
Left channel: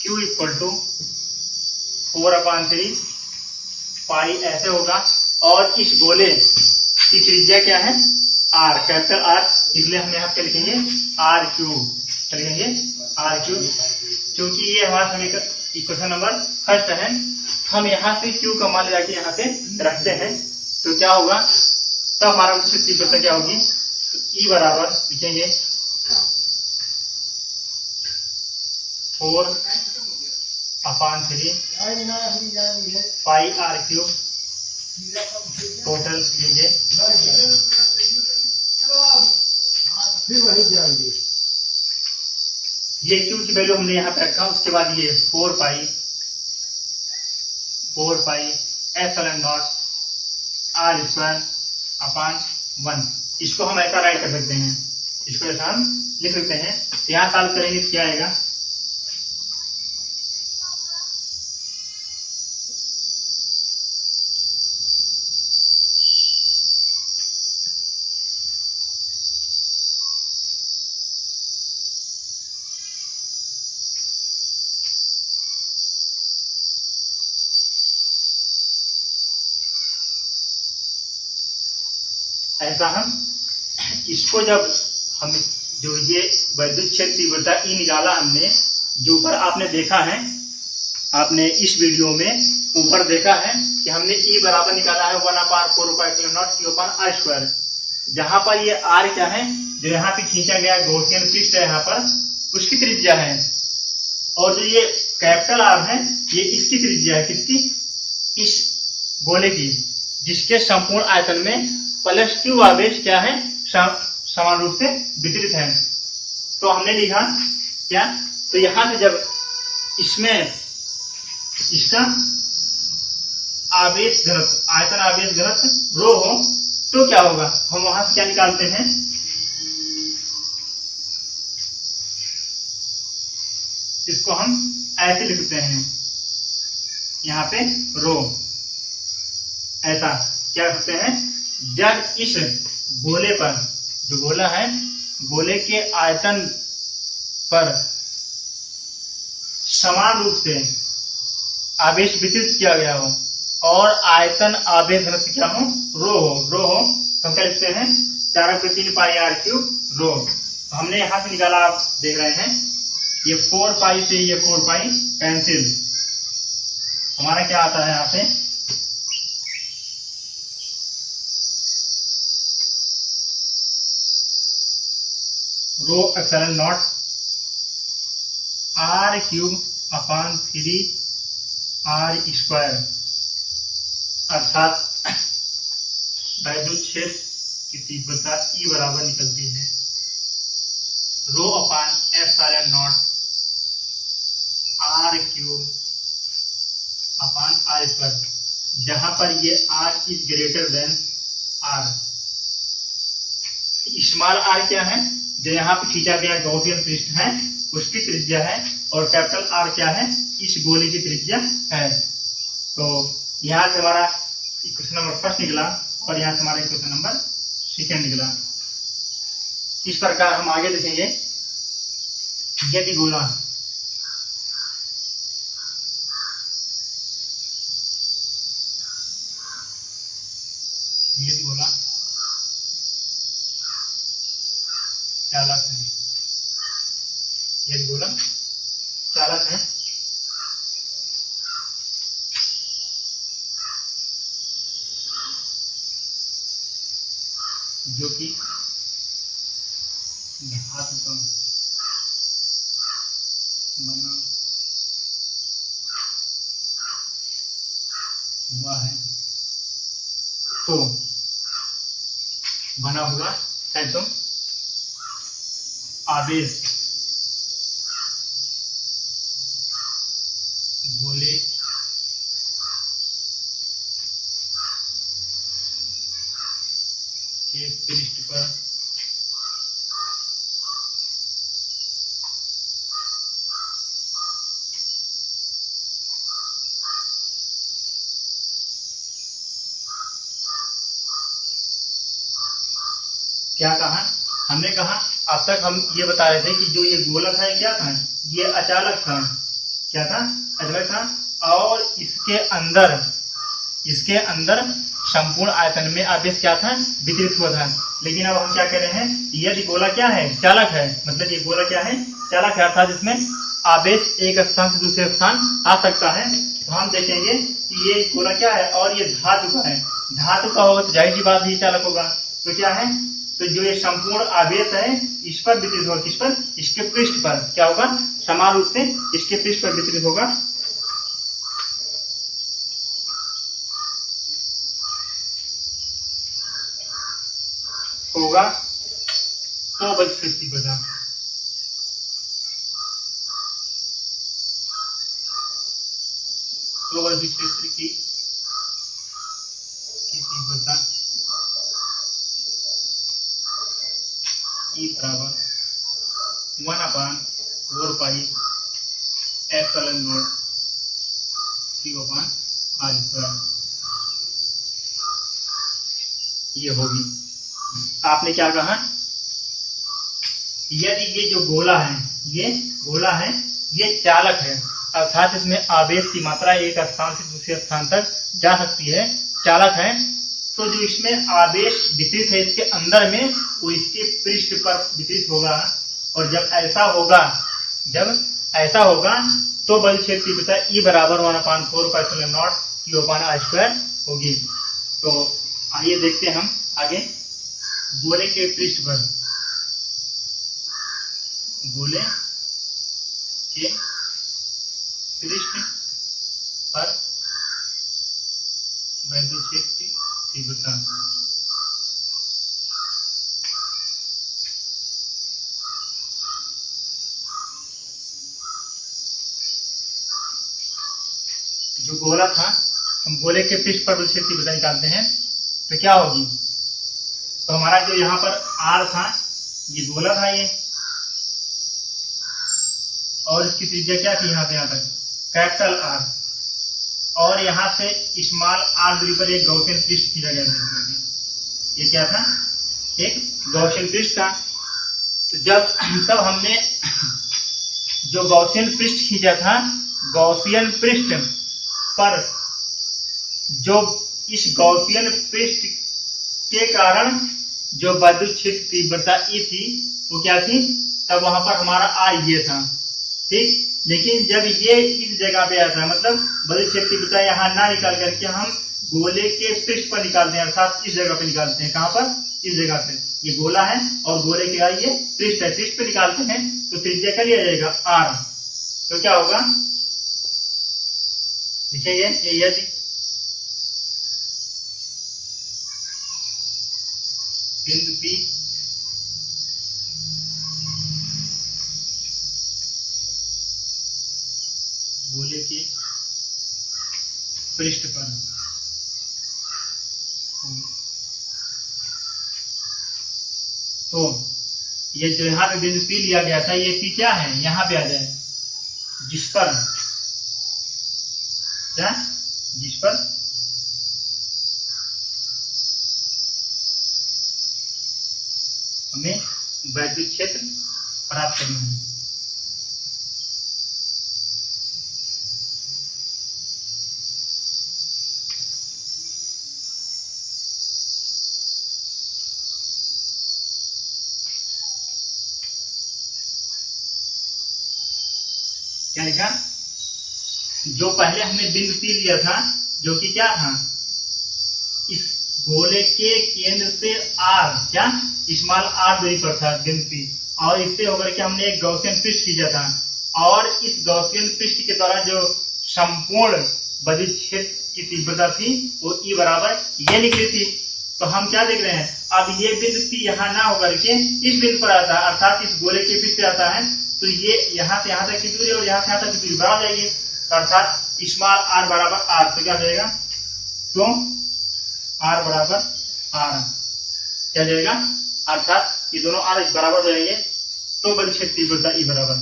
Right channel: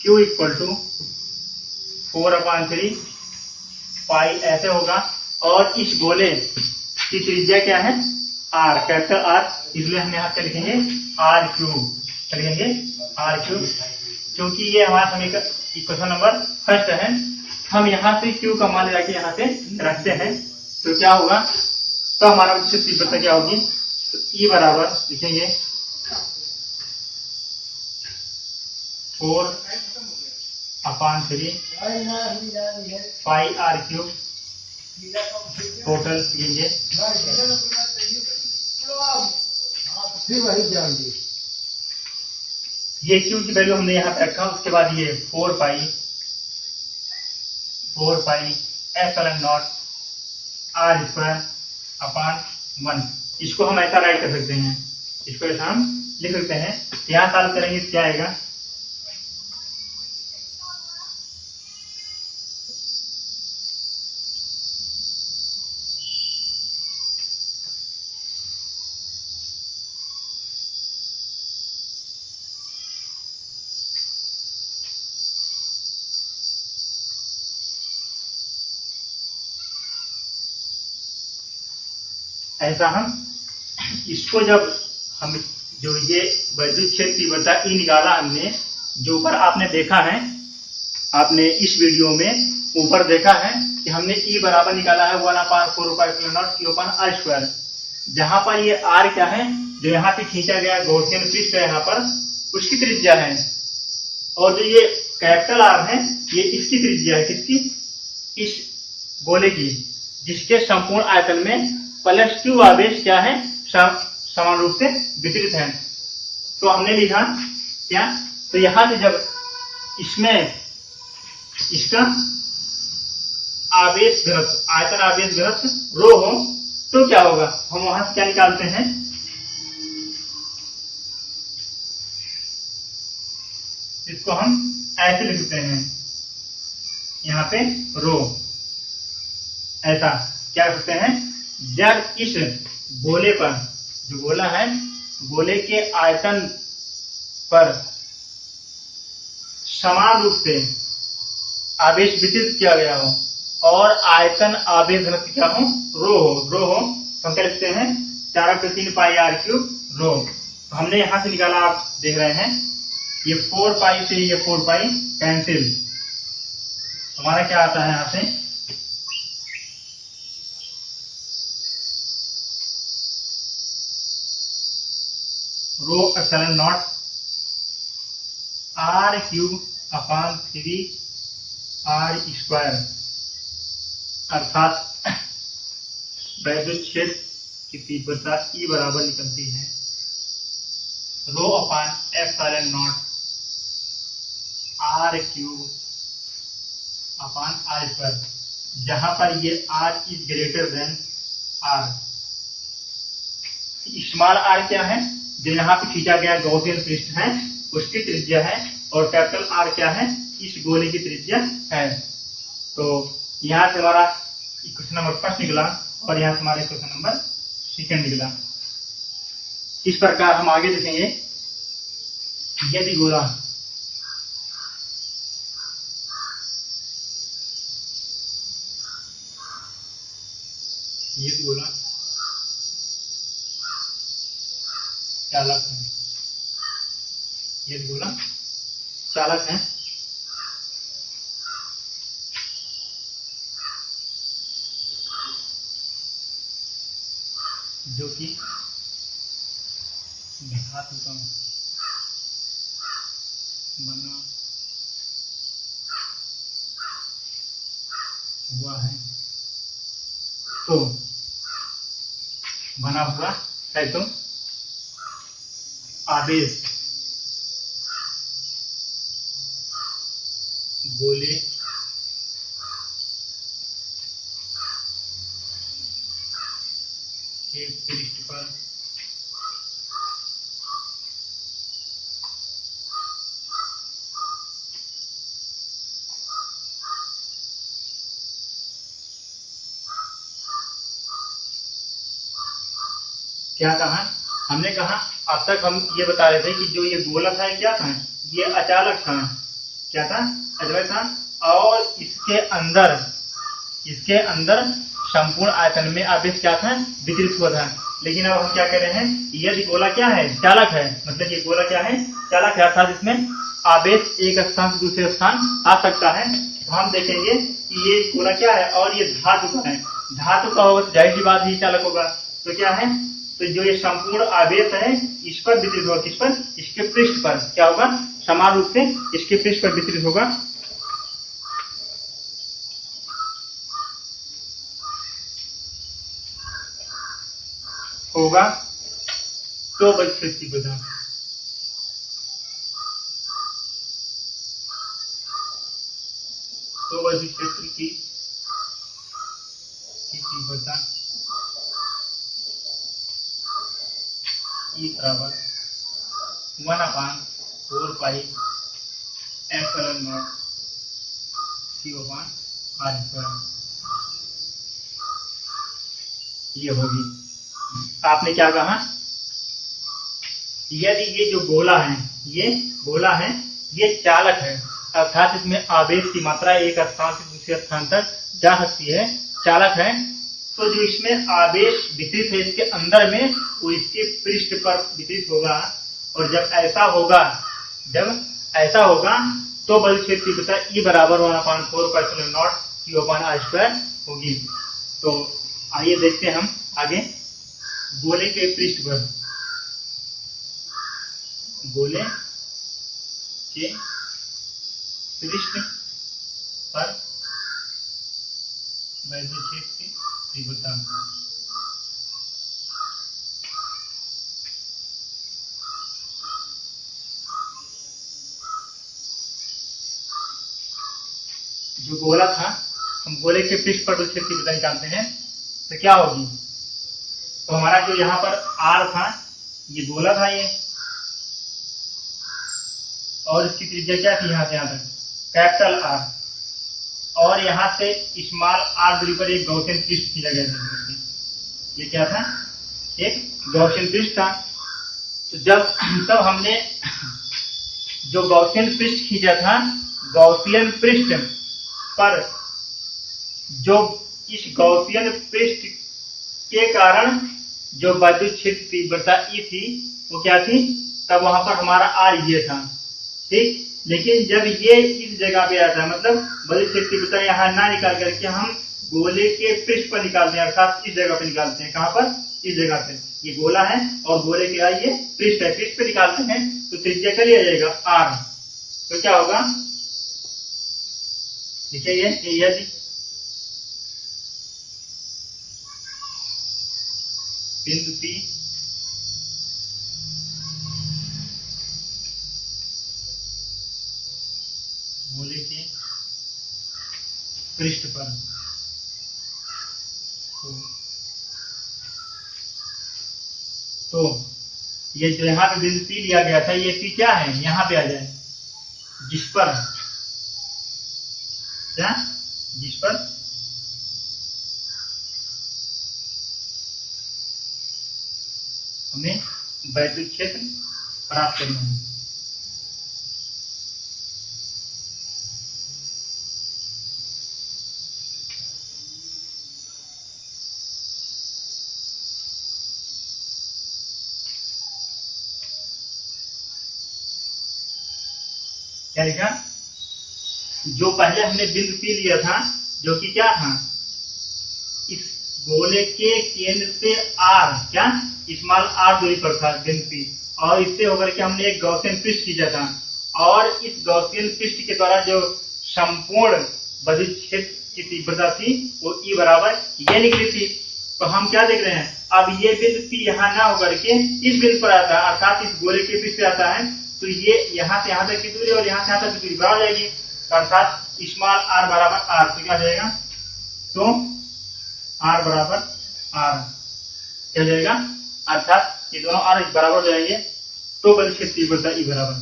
Q इक्वल टू 4/3 पाई ऐसे होगा, और इस गोले की त्रिज्या क्या है R, कैपिटल R, इसलिए हम यहाँ पे लिखेंगे R क्यूब, लिखेंगे R क्यूब। क्योंकि ये हमारा समीकरण इक्वेशन नंबर फर्स्ट है, हम यहाँ से Q का मान जाके यहाँ पे रखते हैं, तो क्या होगा, तो हमारा उससे तीव्रता क्या होगी, तो E बराबर लिखेंगे 4/3 पाई आर क्यूब टोटल लीजिए। ये क्यू की वैल्यू हमने यहाँ पे रखा, उसके बाद ये 4 pi epsilon naught r square upon 1। इसको हम ऐसा राइट कर सकते हैं, इसको ऐसा हम लिख सकते हैं। यहाँ सॉल्व करेंगे तो क्या आएगा, ऐसा हम इसको जब हम जो ये वैद्युत क्षेत्र तीव्रता ई निकाला हमने, जो ऊपर आपने देखा है, आपने इस वीडियो में ऊपर देखा है कि हमने ई बराबर निकाला है 1/4πr²Q/r²। जहां पर ये आर क्या है, जो यहाँ पे खींचा गया गॉसियन पृष्ठ है यहाँ पर, उसकी त्रिज्या है, और जो ये कैपिटल आर है ये इसकी त्रिज्या है, किसकी, इस गोले की, जिसके संपूर्ण आयतन में प्लस क्यू आवेश क्या है समान रूप से वितरित है। तो हमने लिखा क्या, तो यहां से जब इसमें इसका आवेश घनत्व, आयतन आवेश घनत्व रो हो तो क्या होगा, हम वहां से क्या निकालते हैं, इसको हम ऐसे लिखते हैं, यहाँ पे रो ऐसा क्या करते हैं, जब इस गोले पर, जो गोला है, गोले के आयतन पर समान रूप से आवेश वितरित किया गया हो, और आयतन आवेश घनत्व क्या हो, रो हो, तो हम क्या लिखते हैं 4/3 पाई r क्यूब रो। तो हमने यहां से निकाला, आप देख रहे हैं ये 4 पाई से ये 4 पाई कैंसिल, हमारा क्या आता है यहाँ से rho epsilon not r cube upon 3 r square, अर्थात वैद्युत क्षेत्र की तीव्रता E बराबर निकलती है rho upon epsilon not r cube upon r square, जहां पर ये r is greater than r। Small r क्या है, जो यहाँ पे खींचा गया गॉसियन पृष्ठ है उसकी त्रिज्या है, और कैपिटल R क्या है, इस गोले की त्रिज्या है। तो यहाँ से हमारा इक्वेशन नंबर फर्स्ट निकला और यहाँ से हमारा इक्वेशन नंबर सेकेंड निकला। इस प्रकार हम आगे देखेंगे, यदि गोला चालक है, यदि गोला चालक है जो कि धातु का बना हुआ है, तो बना हुआ है तो आवेश गोले के पृष्ठ पर क्या कहा, हमने कहा अब तक हम ये बता रहे थे कि जो ये गोलक है क्या था, ये अचालक था, क्या था, अचालक था, और इसके अंदर संपूर्ण आयतन में आवेश क्या था, वितरित हुआ था। लेकिन अब हम क्या कह रहे हैं, यदि गोला क्या है, चालक है, मतलब ये गोला क्या है, चालक है, अर्थात इसमें आवेश एक स्थान से दूसरे स्थान आ सकता है। तो हम देखेंगे कि ये गोला क्या है और ये धातु का है, धातु का होगा तो जाहिर सी बात ही चालक होगा। तो क्या है, तो जो ये संपूर्ण आवेश है इस पर वितरित होगा, किस पर, इसके पृष्ठ पर क्या होगा, समान रूप से इसके पृष्ठ पर वितरित होगा तो बल क्षेत्र की वजह, तो बल क्षेत्र की तीव्रता E बराबर 1/4 पाई एप्सिलॉन नॉट Q/r², ये होगी। आपने क्या कहा, यदि ये जो गोला है, ये चालक है, अर्थात इसमें आवेश की मात्रा एक स्थान से दूसरे स्थान तक जा सकती है, चालक है, तो जो इसमें आवेश वितरित है इसके अंदर में वो इसके पृष्ठ पर वितरित होगा, और जब ऐसा होगा तो बल क्षेत्र की तीव्रता E बराबर 1/4 पाई एप्सिलॉन नॉट Q/r² होगी। तो आइए देखते हैं हम आगे, गोले के पृष्ठ पर वैद्युत क्षेत्र की तीव्रता, जो गोला था, हम गोले के पृष्ठ पर विद्युत क्षेत्र की तीव्रता निकालते हैं तो क्या होगी, तो हमारा जो यहाँ पर R था, ये गोला था ये, और इसकी त्रिज्या क्या थी, यहाँ से यहाँ तक कैपिटल R, और यहाँ से स्मॉल r दूरी पर एक गॉसियन पृष्ठ खींचा गया था। ये क्या था, एक गॉसियन पृष्ठ था। तो तब हमने जो गॉसियन पृष्ठ खींचा था, गॉसियन पृष्ठ पर जो इस गॉसियन पृष्ठ के कारण जो विद्युत क्षेत्र तीव्रता ई थी वो क्या थी, तब वहां पर हमारा आर ये था, ठीक। लेकिन जब ये इस जगह पे आया था, मतलब विद्युत क्षेत्र तीव्रता यहाँ ना निकाल करके हम गोले के पृष्ठ पर निकालते हैं, अर्थात इस जगह पे निकालते हैं। कहां पर, इस जगह पे। ये गोला है और गोले के ये पृष्ठ है, पृष्ठ पे निकालते हैं तो त्रिज्या क्या लिया जाएगा, आर। तो क्या होगा, देखिए ये बिंदु पी गोले के पृष्ठ पर, तो ये जो यहाँ पे बिंदु पी लिया गया था, ये पी क्या है, यहाँ पे आ जाए, जिस पर क्या, जिस पर हमें विद्युत क्षेत्र प्राप्त करना है। क्या लिखा, जो पहले हमने बिंदु पी लिया था, जो कि क्या था, इस गोले के केंद्र से आर, क्या स्मॉल आर दूरी पर था बिंदु पी, और इससे होकर के हमने एक गॉसियन पृष्ठ खींचा था, और इस गॉसियन पृष्ठ के द्वारा जो संपूर्ण विद्युत क्षेत्र की तीव्रता थी वो ई बराबर ये निकली थी। तो हम क्या देख रहे हैं, अब ये बिंदु पी यहाँ ना होकर के इस बिंदु पर आता है, अर्थात इस गोले के पृष्ठ पे आता है, तो ये यहाँ से यहाँ तक की दूरी और यहाँ से यहाँ तक की दूरी बराबर जाएगी, अर्थात स्मॉल आर बराबर आर। तो क्या जाएगा, तो आर बराबर आर क्या जाएगा, अर्थात ये दोनों आर बराबर हो जाएंगे, तो विद्युत क्षेत्र तीव्रता ई बराबर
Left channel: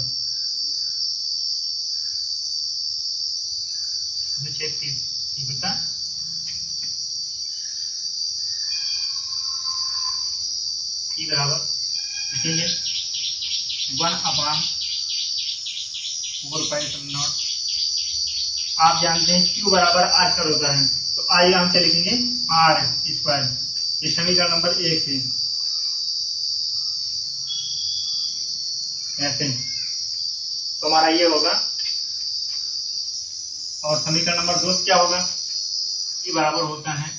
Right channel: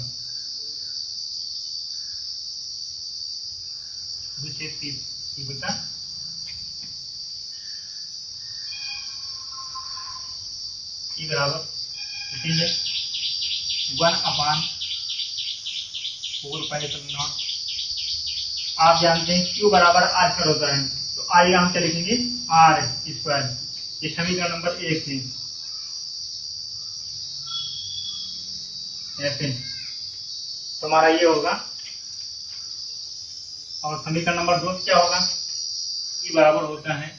विद्युत क्षेत्र तीव्रता ई बराबर लिखेंगे 1/4π0। आप जानते हैं Q बराबर आर स्क्वायर होता है, तो आइए हम क्या लिखेंगे, आर स्क्वायर। ये समीकरण नंबर 1 है, ऐसे तो हमारा ये होगा। और समीकरण नंबर 2 क्या होगा, E बराबर होता है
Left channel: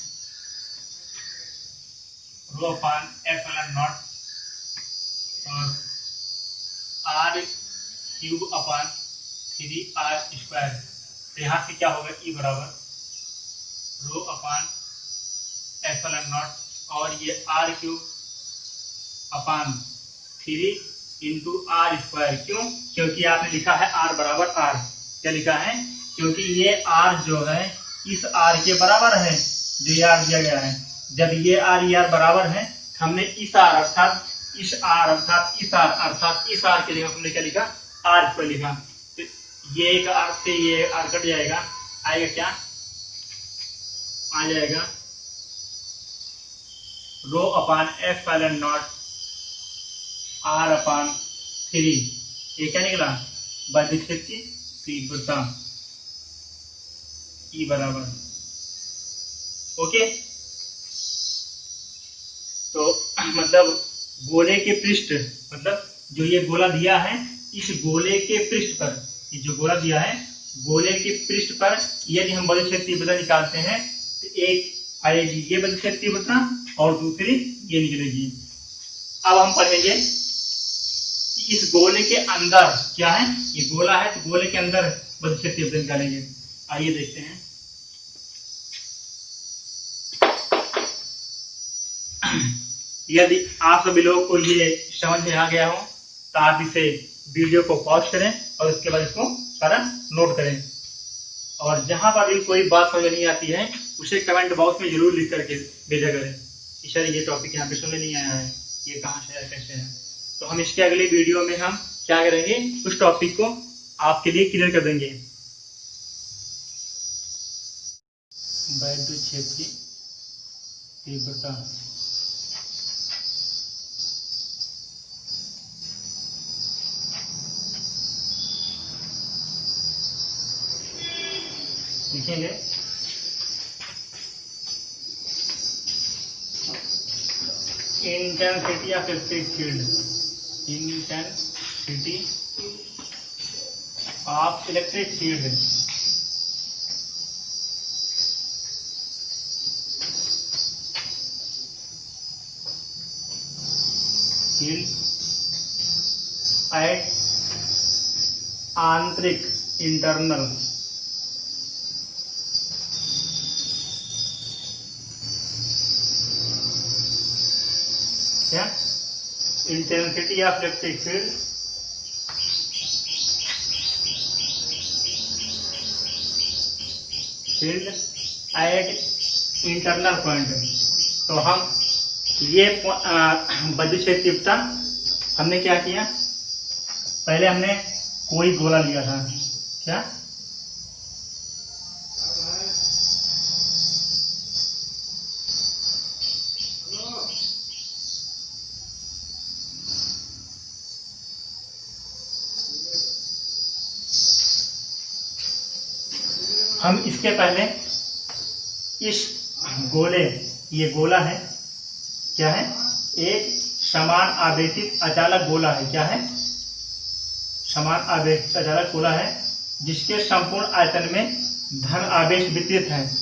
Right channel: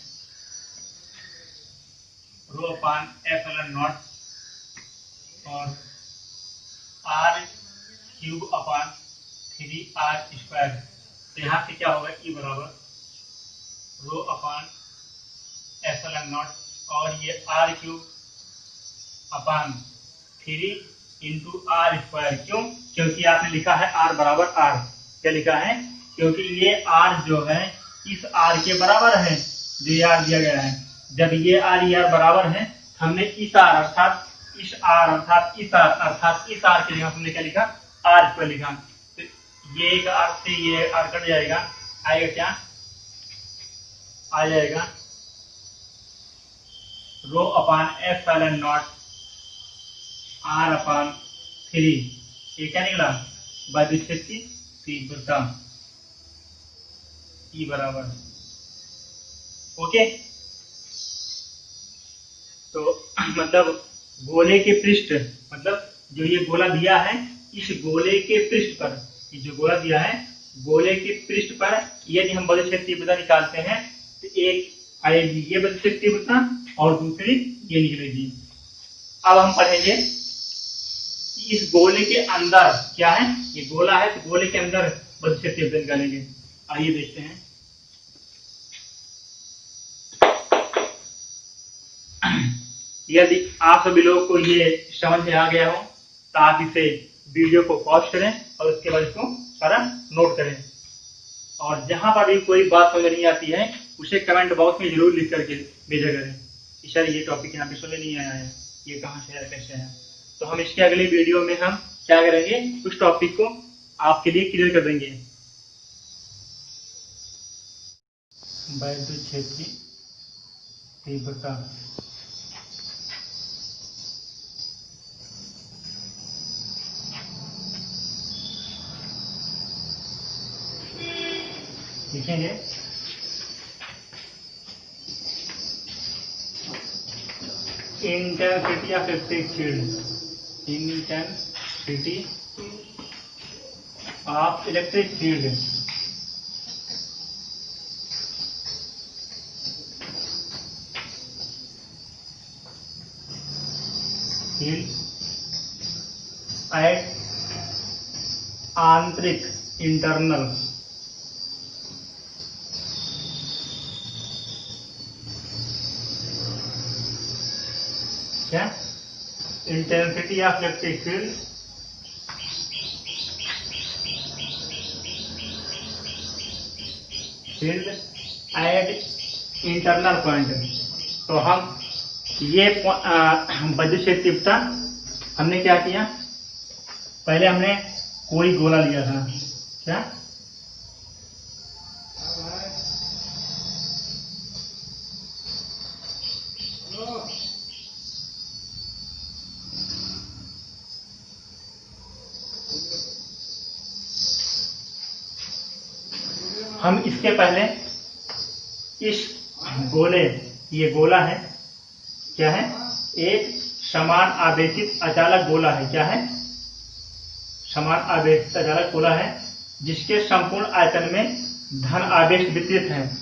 ρ/ε0 और r³/3r²। तो यहाँ से क्या होगा, E बराबर ρ/ε0 और ये r³/3 इंटू r²। क्यों, क्योंकि आपने लिखा है r बराबर r। क्या लिखा है, क्योंकि ये r जो है इस r के बराबर है, जो ये r दिया गया है। जब ये r बराबर है, हमने इस r अर्थात इस r अर्थात इस r अर्थात इस r के लिए हमने क्या लिखा, r² लिखा। तो ये एक r से ये r कट जाएगा, आएगा क्या, आ जाएगा ρ/ε0 r/3। ये क्या निकला, विद्युत क्षेत्र की तीव्रता ई बराबर। ओके, तो मतलब गोले के पृष्ठ, मतलब जो ये गोला दिया है, इस गोले के पृष्ठ पर, ये जो गोला दिया है गोले के पृष्ठ पर यदि हम विद्युत क्षेत्र की तीव्रता निकालते हैं तो एक आएगी ये विद्युत क्षेत्र की तीव्रता और दूसरी ये निकलेगी। अब हम पढ़ेंगे इस गोले के अंदर क्या है, ये गोला है तो गोले के अंदर विद्युत क्षेत्र तीव्रता निकालेंगे। आइए देखते हैं। यदि आप सभी लोगों को ये समझ में आ गया हो तो आप इसे वीडियो को पॉज करें और उसके बाद इसको सारा नोट करें, और जहां पर भी कोई बात समझ नहीं आती है उसे कमेंट बॉक्स में जरूर लिख करके भेजा करें कि सर ये टॉपिक यहाँ पे समझ नहीं आया है, ये कहाँ से है, कैसे है। तो हम इसके अगली वीडियो में हम क्या करेंगे, उस टॉपिक को आपके लिए क्लियर कर देंगे। विद्युत क्षेत्र की तीव्रता लिखेंगे intensity of electric field, intensity of electric field. Field at आंतरिक इंटरनल क्या intensity of electric field field at internal point. तो हम ये विद्युत क्षेत्र तीव्रता हमने क्या किया, पहले हमने कोई गोला लिया था, क्या हम इसके पहले इस गोले, ये गोला है, क्या है, एक समान आवेशित अचालक गोला है, क्या है, समान आवेशित अचालक गोला है जिसके संपूर्ण आयतन में धन आवेश वितरित है,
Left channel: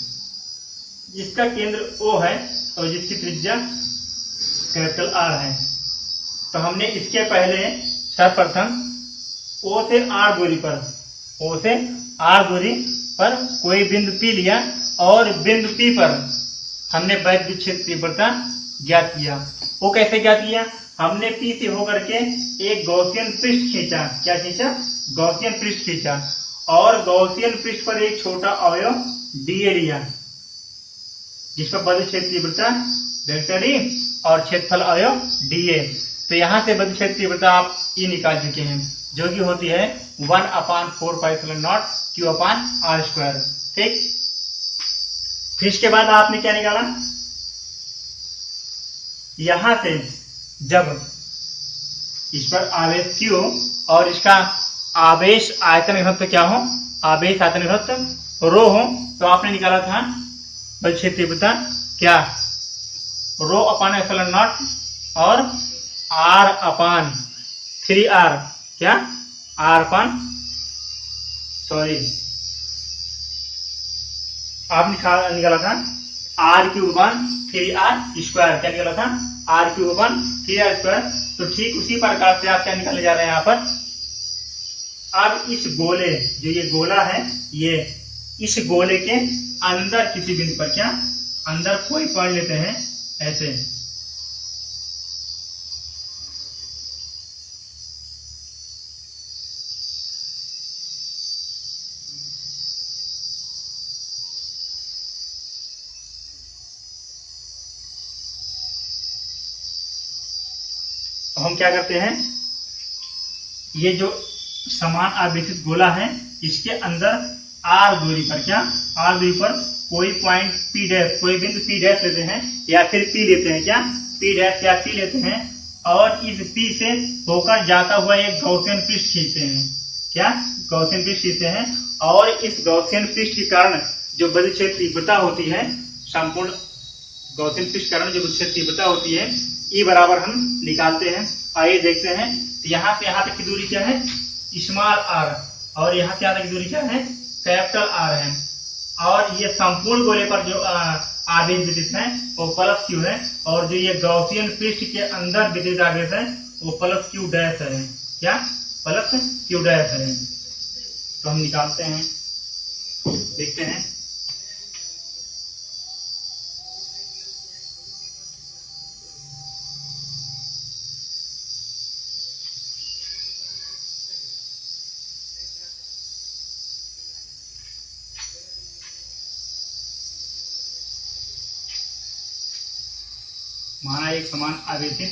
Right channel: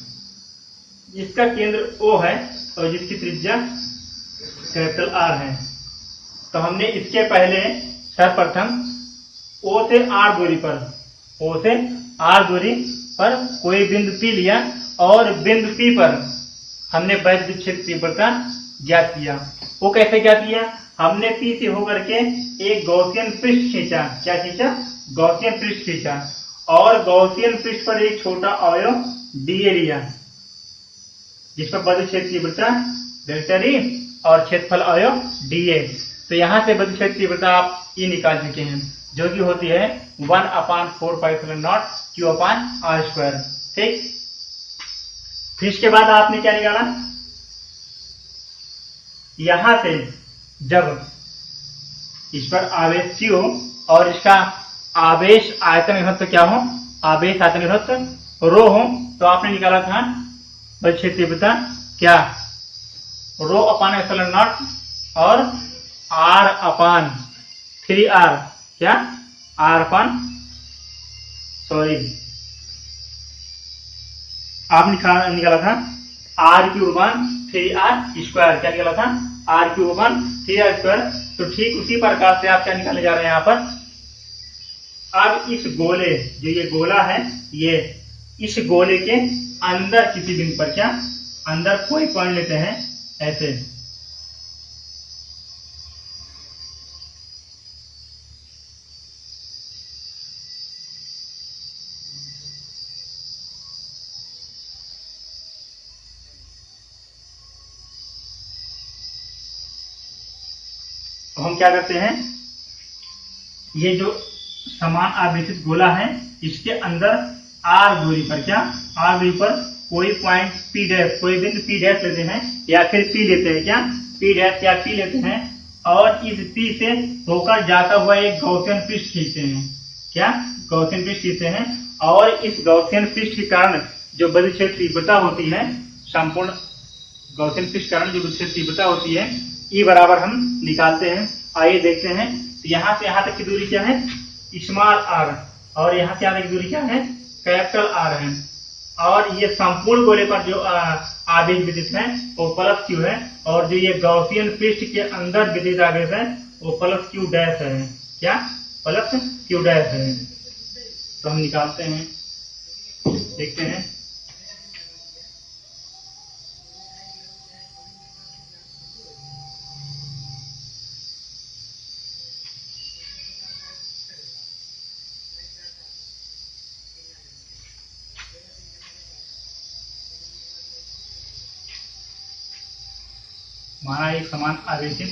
जिसका केंद्र O है और जिसकी त्रिज्या कैपिटल R है। तो हमने इसके पहले सर्वप्रथम O से R दूरी पर, O से R दूरी पर कोई बिंदु P लिया और बिंदु P पर हमने विद्युत क्षेत्र तीव्रता ज्ञात किया। वो कैसे ज्ञात किया, हमने P से होकर के एक गॉसियन पृष्ठ खींचा, क्या खींचा, गॉसियन पृष्ठ खींचा, और गॉसियन पृष्ठ पर एक छोटा अवयव dA लिया जिस पर विद्युत क्षेत्र तीव्रता वेक्टर E और क्षेत्रफल अवयव dA। तो यहाँ से विद्युत क्षेत्र तीव्रता आप E निकाल चुके हैं, जो कि होती है 1/4π0 Q/r²। ठीक, फिर इसके बाद आपने क्या निकाला, यहां से जब इस पर आवेश Q और इसका आवेश आयतन घनत्व क्या हो, आवेश आयतन घनत्व रो हो, तो आपने निकाला था विद्युत क्षेत्र तीव्रता क्या, ρ/ε0 और R/3R, क्या आप निकाला था R³/3R², क्या निकाला था, R³/3R²। तो ठीक उसी प्रकार से आप क्या निकालने जा रहे हैं यहाँ पर, अब इस गोले, जो ये गोला है, ये इस गोले के अंदर किसी बिंदु पर, क्या अंदर कोई पॉइंट लेते हैं ऐसे, हम क्या करते हैं, ये जो समान आवेशित गोला है इसके अंदर R दूरी पर, क्या R दूरी पर कोई पॉइंट P डैश, कोई बिंदु P डैश लेते हैं या फिर P लेते हैं, क्या P डैश या P लेते हैं, और इस P से होकर जाता हुआ एक गॉसियन पृष्ठ खींचते हैं, क्या गॉसियन पृष्ठ खींचते हैं, और इस गॉसियन पृष्ठ के कारण जो विद्युत क्षेत्र तीव्रता होती है, संपूर्ण गॉसियन पृष्ठ के कारण जो विद्युत क्षेत्र तीव्रता होती है, E बराबर हम निकालते हैं। आइए देखते हैं, तो यहाँ से यहाँ तक की दूरी क्या है, स्मॉल r, और यहाँ से यहाँ तक की दूरी क्या है, कैपिटल R है, और ये संपूर्ण गोले पर जो आवेश वितरित है वो प्लस Q है, और जो ये गॉसियन पृष्ठ के अंदर वितरित आवेश है वो प्लस Q डैश है, क्या प्लस Q डैश है। तो हम निकालते हैं, देखते हैं, हमारा एक समान आवेशित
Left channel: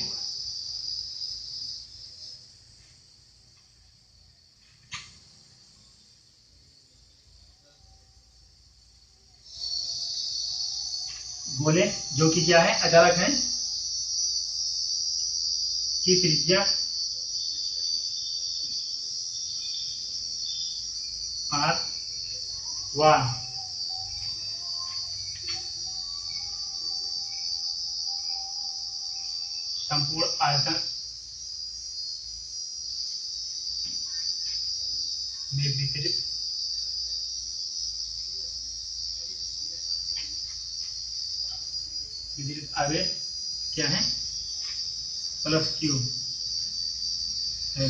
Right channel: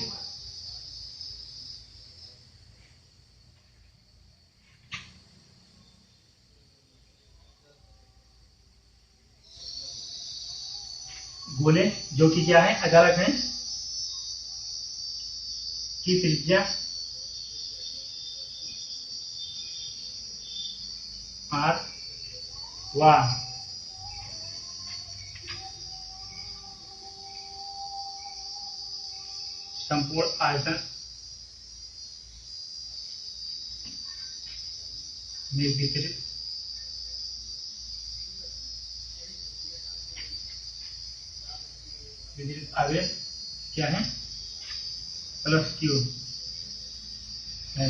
गोले, जो कि क्या है, अचालक है, की त्रिज्या R व संपूर्ण आयतन में वितरित आवेश क्या है, प्लस क्यू है।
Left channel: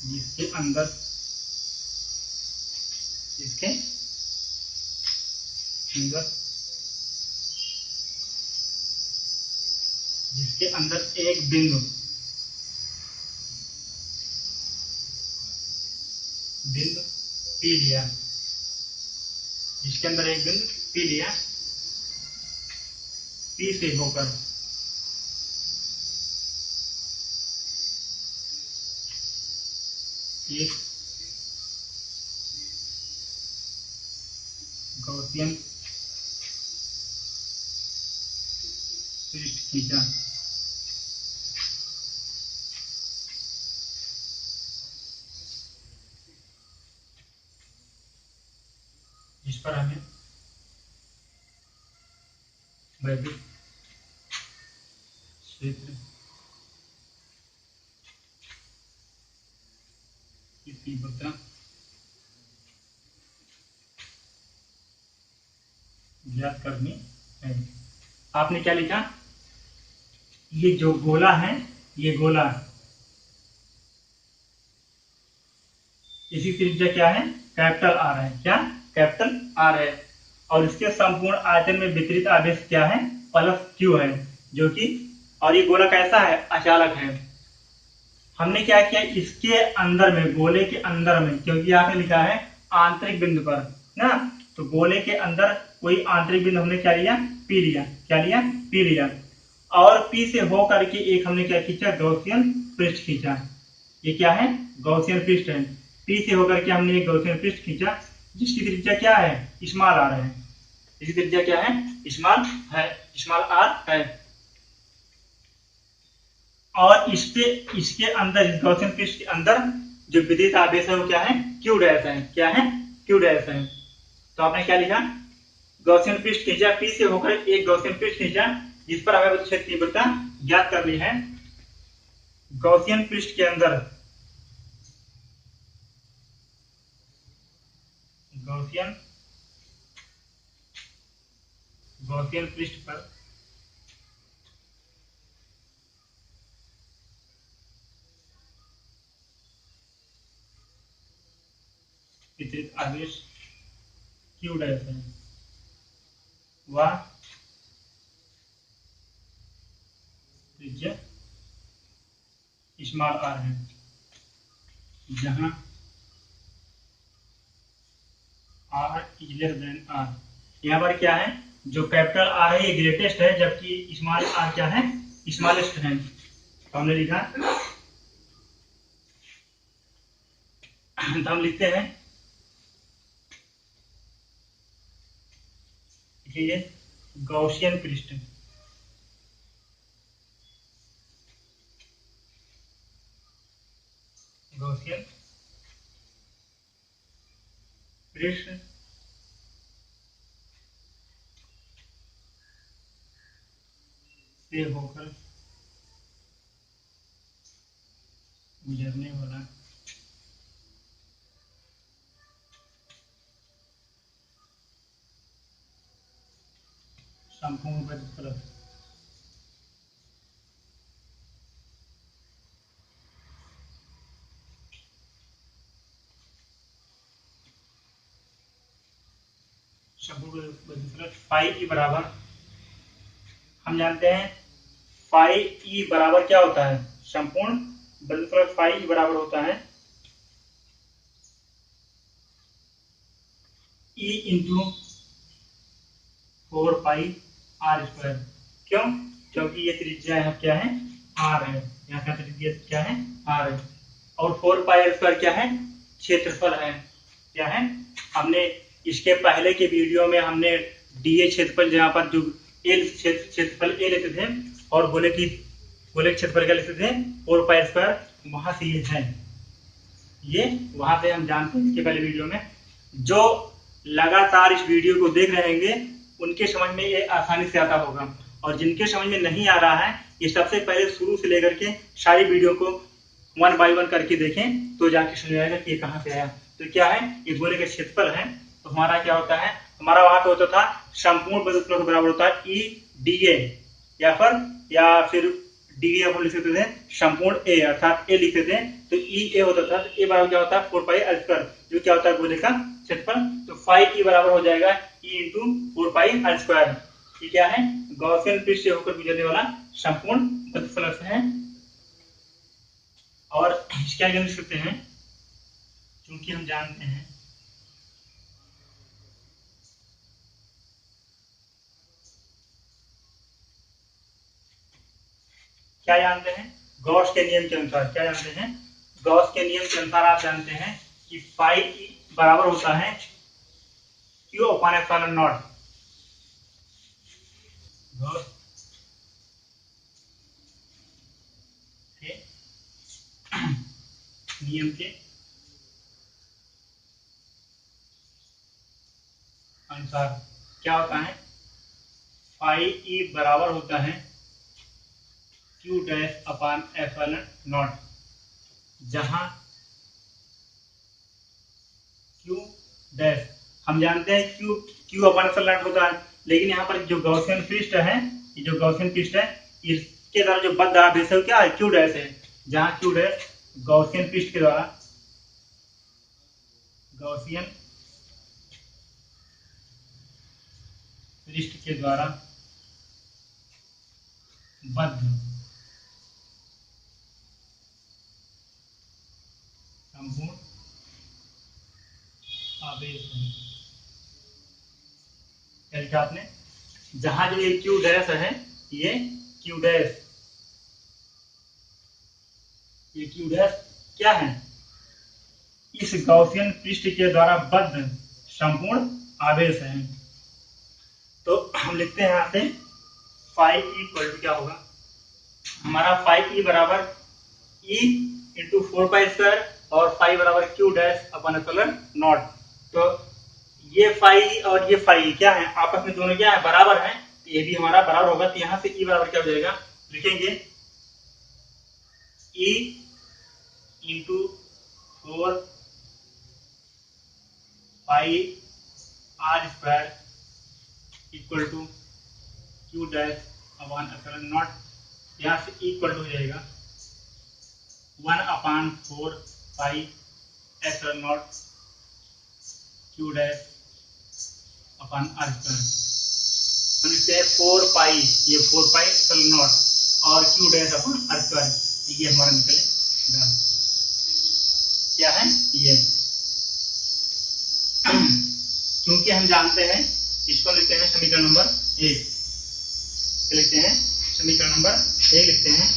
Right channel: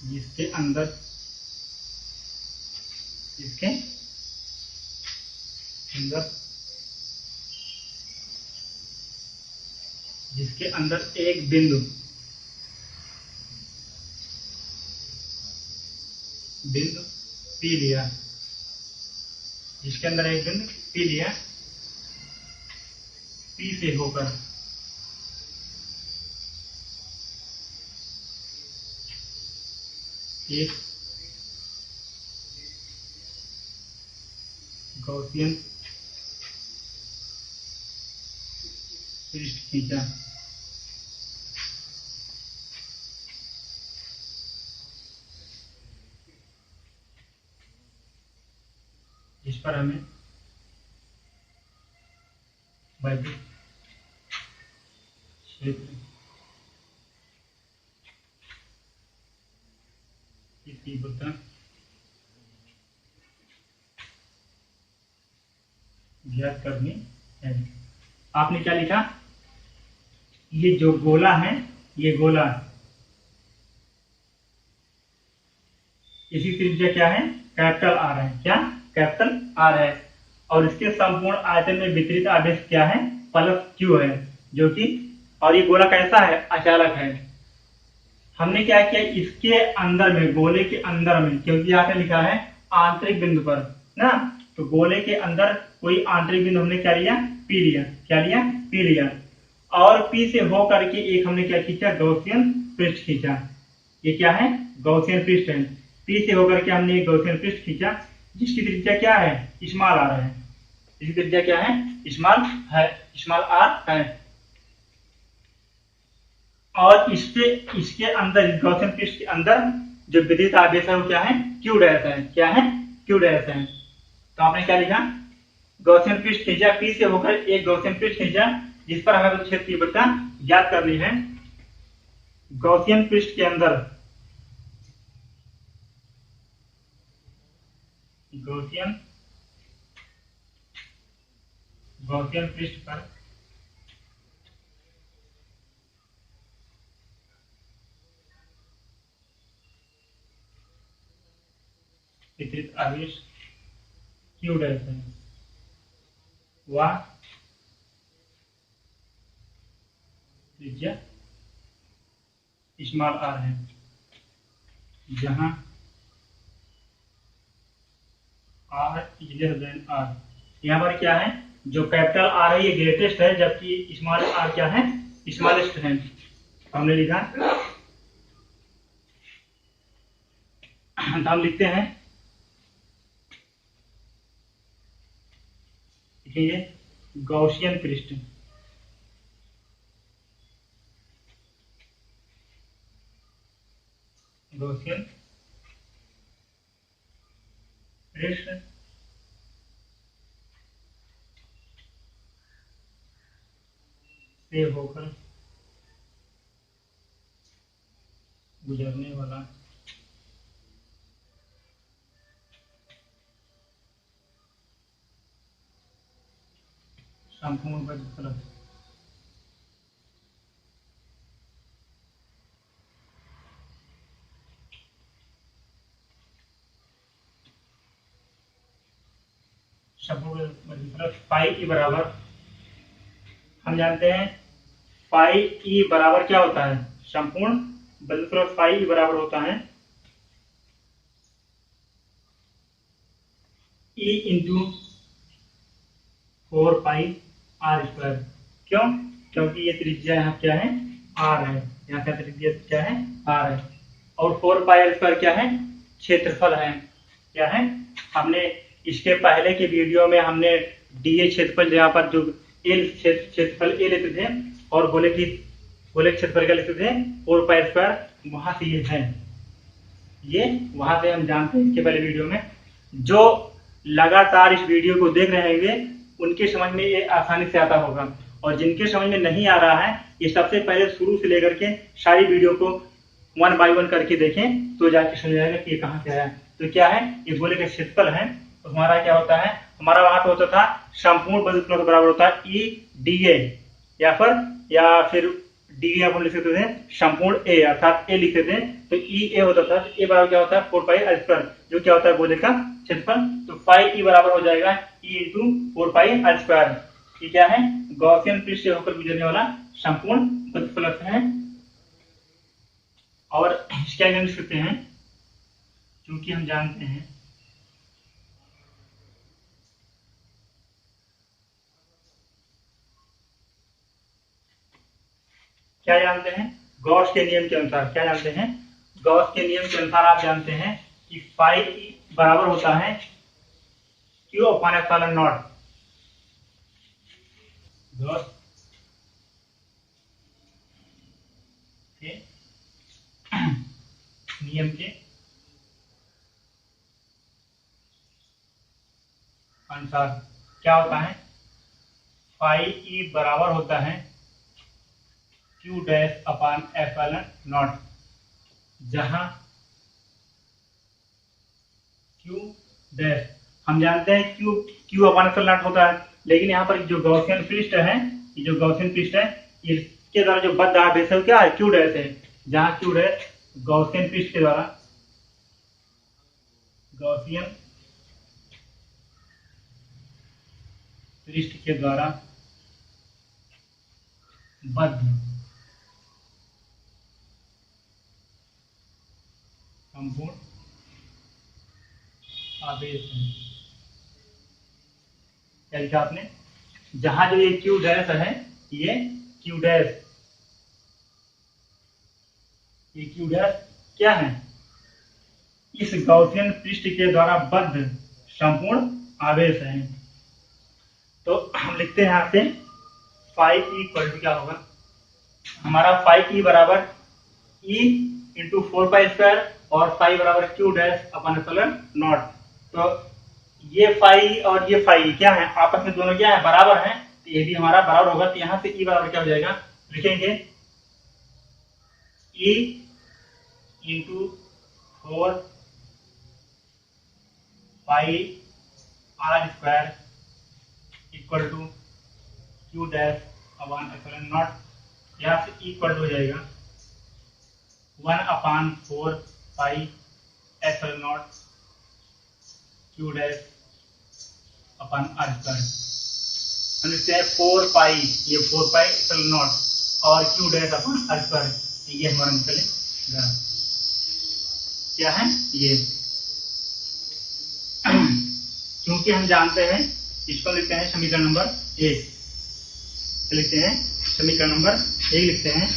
जिसके अंदर एक बिंदु पी लिया, जिसके अंदर एक बिंदु पी लिया, पी से होकर एक गॉसियन पृष्ठ खींचा, जिस पर हमें वैद्युत क्षेत्र की तीव्रता ज्ञात करनी है। आपने क्या लिखा, ये जो गोला है, ये गोला, इसकी त्रिज्या क्या है, कैपिटल आर है। क्या, कैपिटल आर है। और इसके संपूर्ण आयतन में वितरित आवेश क्या है, प्लस क्यू है, जो कि, और ये गोला कैसा है, अचालक है। हमने क्या किया, इसके अंदर में, गोले के अंदर में, क्योंकि यहाँ पे लिखा है आंतरिक बिंदु पर ना, तो गोले के अंदर कोई आंतरिक बिंदु हमने क्या लिया, पी लिया। क्या लिया, पी लिया। और पी से होकर के एक हमने क्या खींचा, गॉसियन पृष्ठ खींचा। ये क्या है, गॉसियन पृष्ठ है। पी से होकर के हमने एक गॉसियन पृष्ठ खींचा, जिसकी त्रिज्या क्या है, स्मॉल आर है। इसकी त्रिज्या क्या है, स्मॉल है, स्मॉल आर है। और इसके अंदर, इस गॉसियन पृष्ठ के अंदर जो विद्युत आवेश है वो क्या है, क्यू डैश है। क्या है, क्यू डैश है। तो आपने क्या लिखा, गॉसियन पृष्ठ खींचा, पी से होकर एक गॉसियन पृष्ठ खींचा, जिस पर हमें क्षेत्र तीव्रता ज्ञात करनी है। गॉसियन पृष्ठ के अंदर, गॉसियन पृष्ठ पर वितरित आवेश क्यू डैश है, वह त्रिज्या स्मॉल आर है, जहां r is less than r. यहाँ पर क्या है, जो कैपिटल आर है ये ग्रेटेस्ट है, जबकि स्मॉल आर क्या है, स्मॉलेस्ट है। तो हमने लिखा, तो हम लिखते हैं, देखिए गॉसियन पृष्ठ, गॉसियन पृष्ठ से होकर गुजरने वाला संपूर्ण वैद्युत प्लस संपूर्ण वैद्युत प्लस फाई ई बराबर, हम जानते हैं फाई ई बराबर क्या होता है, संपूर्ण वैद्युत प्लस फाई ई बराबर होता है E into 4 pi r square. क्यों, क्योंकि ये त्रिज्या यहाँ क्या है, आर है, यहाँ का त्रिज्या क्या है, आर है। और 4 पाई आर स्क्वायर क्या है, क्षेत्रफल है। क्या है, हमने इसके पहले के वीडियो में हमने डीए क्षेत्रफल, जहाँ पर जो एल क्षेत्रफल ए लेते थे, और गोले क्षेत्रफल का लेते थे 4 पाई स्क्वायर, वहां से ये है, ये वहां से हम जानते हैं इसके पहले वीडियो में। जो लगातार इस वीडियो को देख रहे होंगे उनके समझ में ये आसानी से आता होगा, और जिनके समझ में नहीं आ रहा है ये सबसे पहले शुरू से लेकर के सारी वीडियो को 1 बाय 1 करके देखें तो जाके समझ आएगा कि ये कहाँ से आया। तो क्या है, ये गोले का क्षेत्रफल है। तो हमारा क्या होता है, हमारा वहां पे होता था संपूर्ण बल उत्पन्न बराबर होता है ई डी ए, या फिर डी ए अपन लिख सकते थे संपूर्ण ए, अर्थात ए लिखते थे तो ई ए होता था। ए बराबर क्या होता है 4 पाई आर स्क्वायर, जो क्या होता है गोले का क्षेत्रफल। तो 5 ई बराबर हो जाएगा E into 4 pi r square. ये क्या है, गॉसियन पृष्ठ से होकर गुजरने वाला संपूर्ण बल है। और क्या लिख सकते हैं, क्योंकि हम जानते हैं क्या जानते हैं, गॉस के नियम के अनुसार क्या जानते हैं, गॉस के नियम के अनुसार आप जानते हैं कि फाई बराबर होता है Q upon epsilon not. Gauss के नियम के अनुसार क्या होता है, फाई ई बराबर होता है Q dash upon epsilon not, जहां क्यू डैश हम जानते हैं क्यू अपॉन एप्सिलॉन नॉट होता है, लेकिन यहाँ पर जो गॉसियन पृष्ठ है, ये जो गॉसियन पृष्ठ है इसके द्वारा जो बद्ध आवेश है क्या है, क्यू डैश है। जहां क्यू डैश गॉसियन पृष्ठ के द्वारा, गॉसियन पृष्ठ के द्वारा बद्ध संपूर्ण आवेश है। क्या लिखा आपने, जहां जो ये क्यू डैश है, ये क्यू डैश, ये क्यू डैश क्या है, इस गॉसियन पृष्ठ के द्वारा बद्ध संपूर्ण आवेश है। तो हम लिखते हैं यहाँ से फाई ई इक्वल टू क्या होगा, हमारा फाई ई बराबर ई इंटू 4 पाई स्क्वायर और फाई बराबर Q dash upon epsilon not. तो ये फाई और ये फाई क्या है, आपस में दोनों क्या है, बराबर हैं, तो ये भी हमारा बराबर होगा। तो यहां से ई बराबर क्या हो जाएगा, लिखेंगे E into 4 pi r square equal to q dash upon epsilon naught. यहाँ से इक्वल हो जाएगा 1/4 pi epsilon naught q dash upon r square. हम लिखते हैं 4 पाई, ये 4 पाई एप्सिलॉन नॉट और q dash upon r square, ये हमारा निकलेगा क्या है ये। क्योंकि हम जानते हैं, इसको लिखते हैं समीकरण नंबर 1, लिखते हैं समीकरण नंबर 1 लिखते हैं,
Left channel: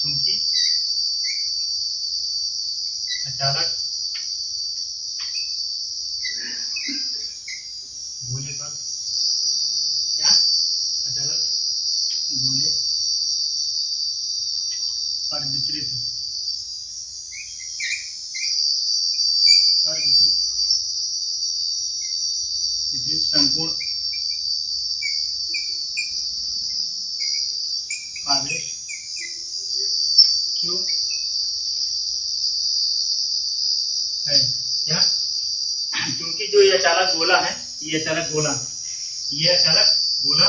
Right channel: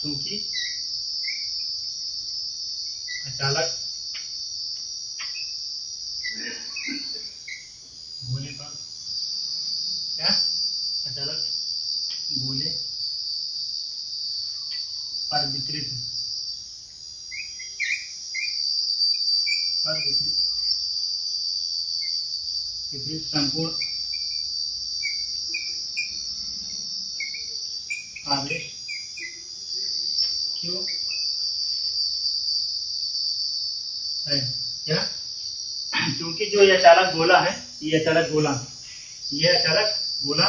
क्योंकि अचानक गोले पर क्या, अचानक गोले पर वितरित संपूर्ण आवेश क्यों है क्या, क्योंकि जो ये अचालक गोला है, ये अचालक गोला, ये अचालक गोला,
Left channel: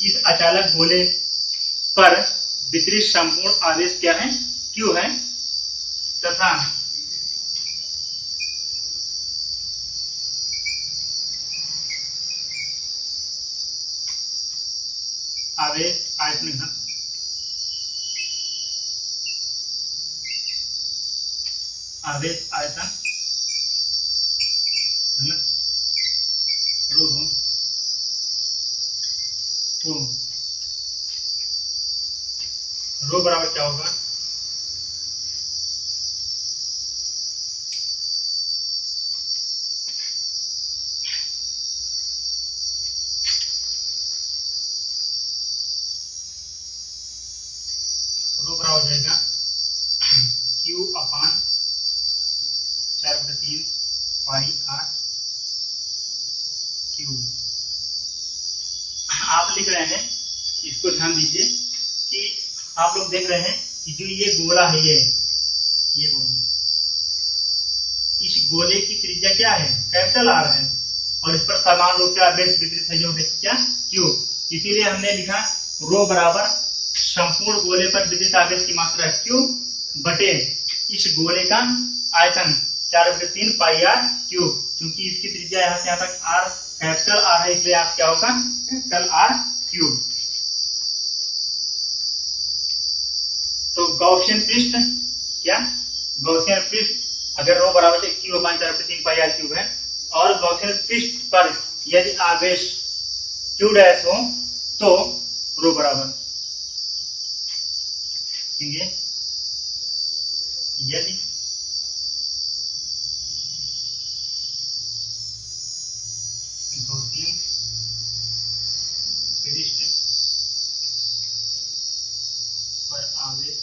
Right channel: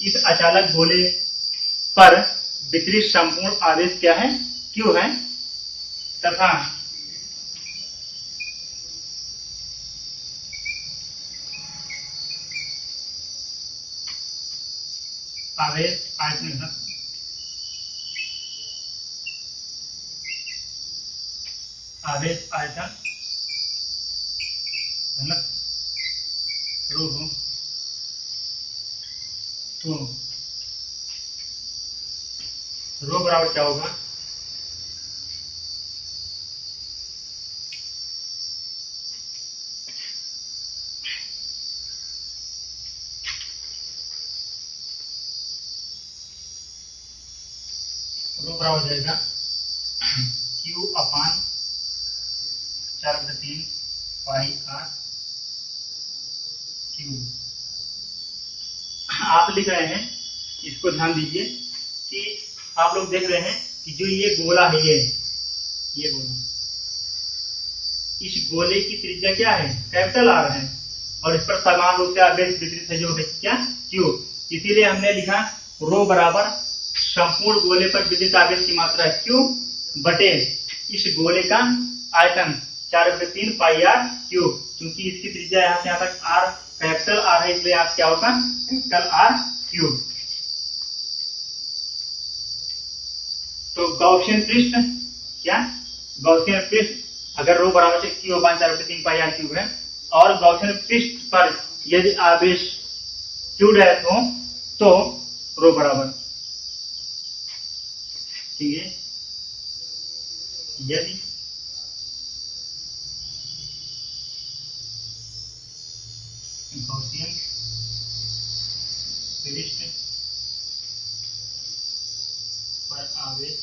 इस अचालक गोले पर वितरित संपूर्ण आवेश क्या है, क्यों है, तथा आवेश आयतन घन, आवेश आयतन घनत्व रो हो, तो रो बराबर क्या होगा, रो बराबर हो जाएगा Q/4/3 पाई आर क्यूब। आप लिख रहे हैं, इसको ध्यान दीजिए कि आप लोग देख रहे हैं कि जो ये गोला है, ये गोला, इस गोले की त्रिज्या क्या है, कैपिटल आर है, और इस पर समान रूप से आवेश वितरित है, जो है क्या, क्यू। इसीलिए हमने लिखा रो बराबर संपूर्ण गोले पर विद्युत आवेश की मात्रा क्यू बटे इस गोले का आयतन 4/3 पाई आर क्यूब। क्योंकि इसकी त्रिज्या यहाँ से यहाँ तक आर, कैपिटल आर है, इसलिए आप क्या होगा, कैपिटल आर क्यूब। तो गॉसियन पृष्ठ क्या, गॉसियन पृष्ठ अगर रो बराबर q upon 4/3 pi are cube है, और गॉसियन पृष्ठ पर यदि आवेश क्यू डैश हो तो रो बराबर, ठीक है, यदि गॉसियन पृष्ठ पर आवेश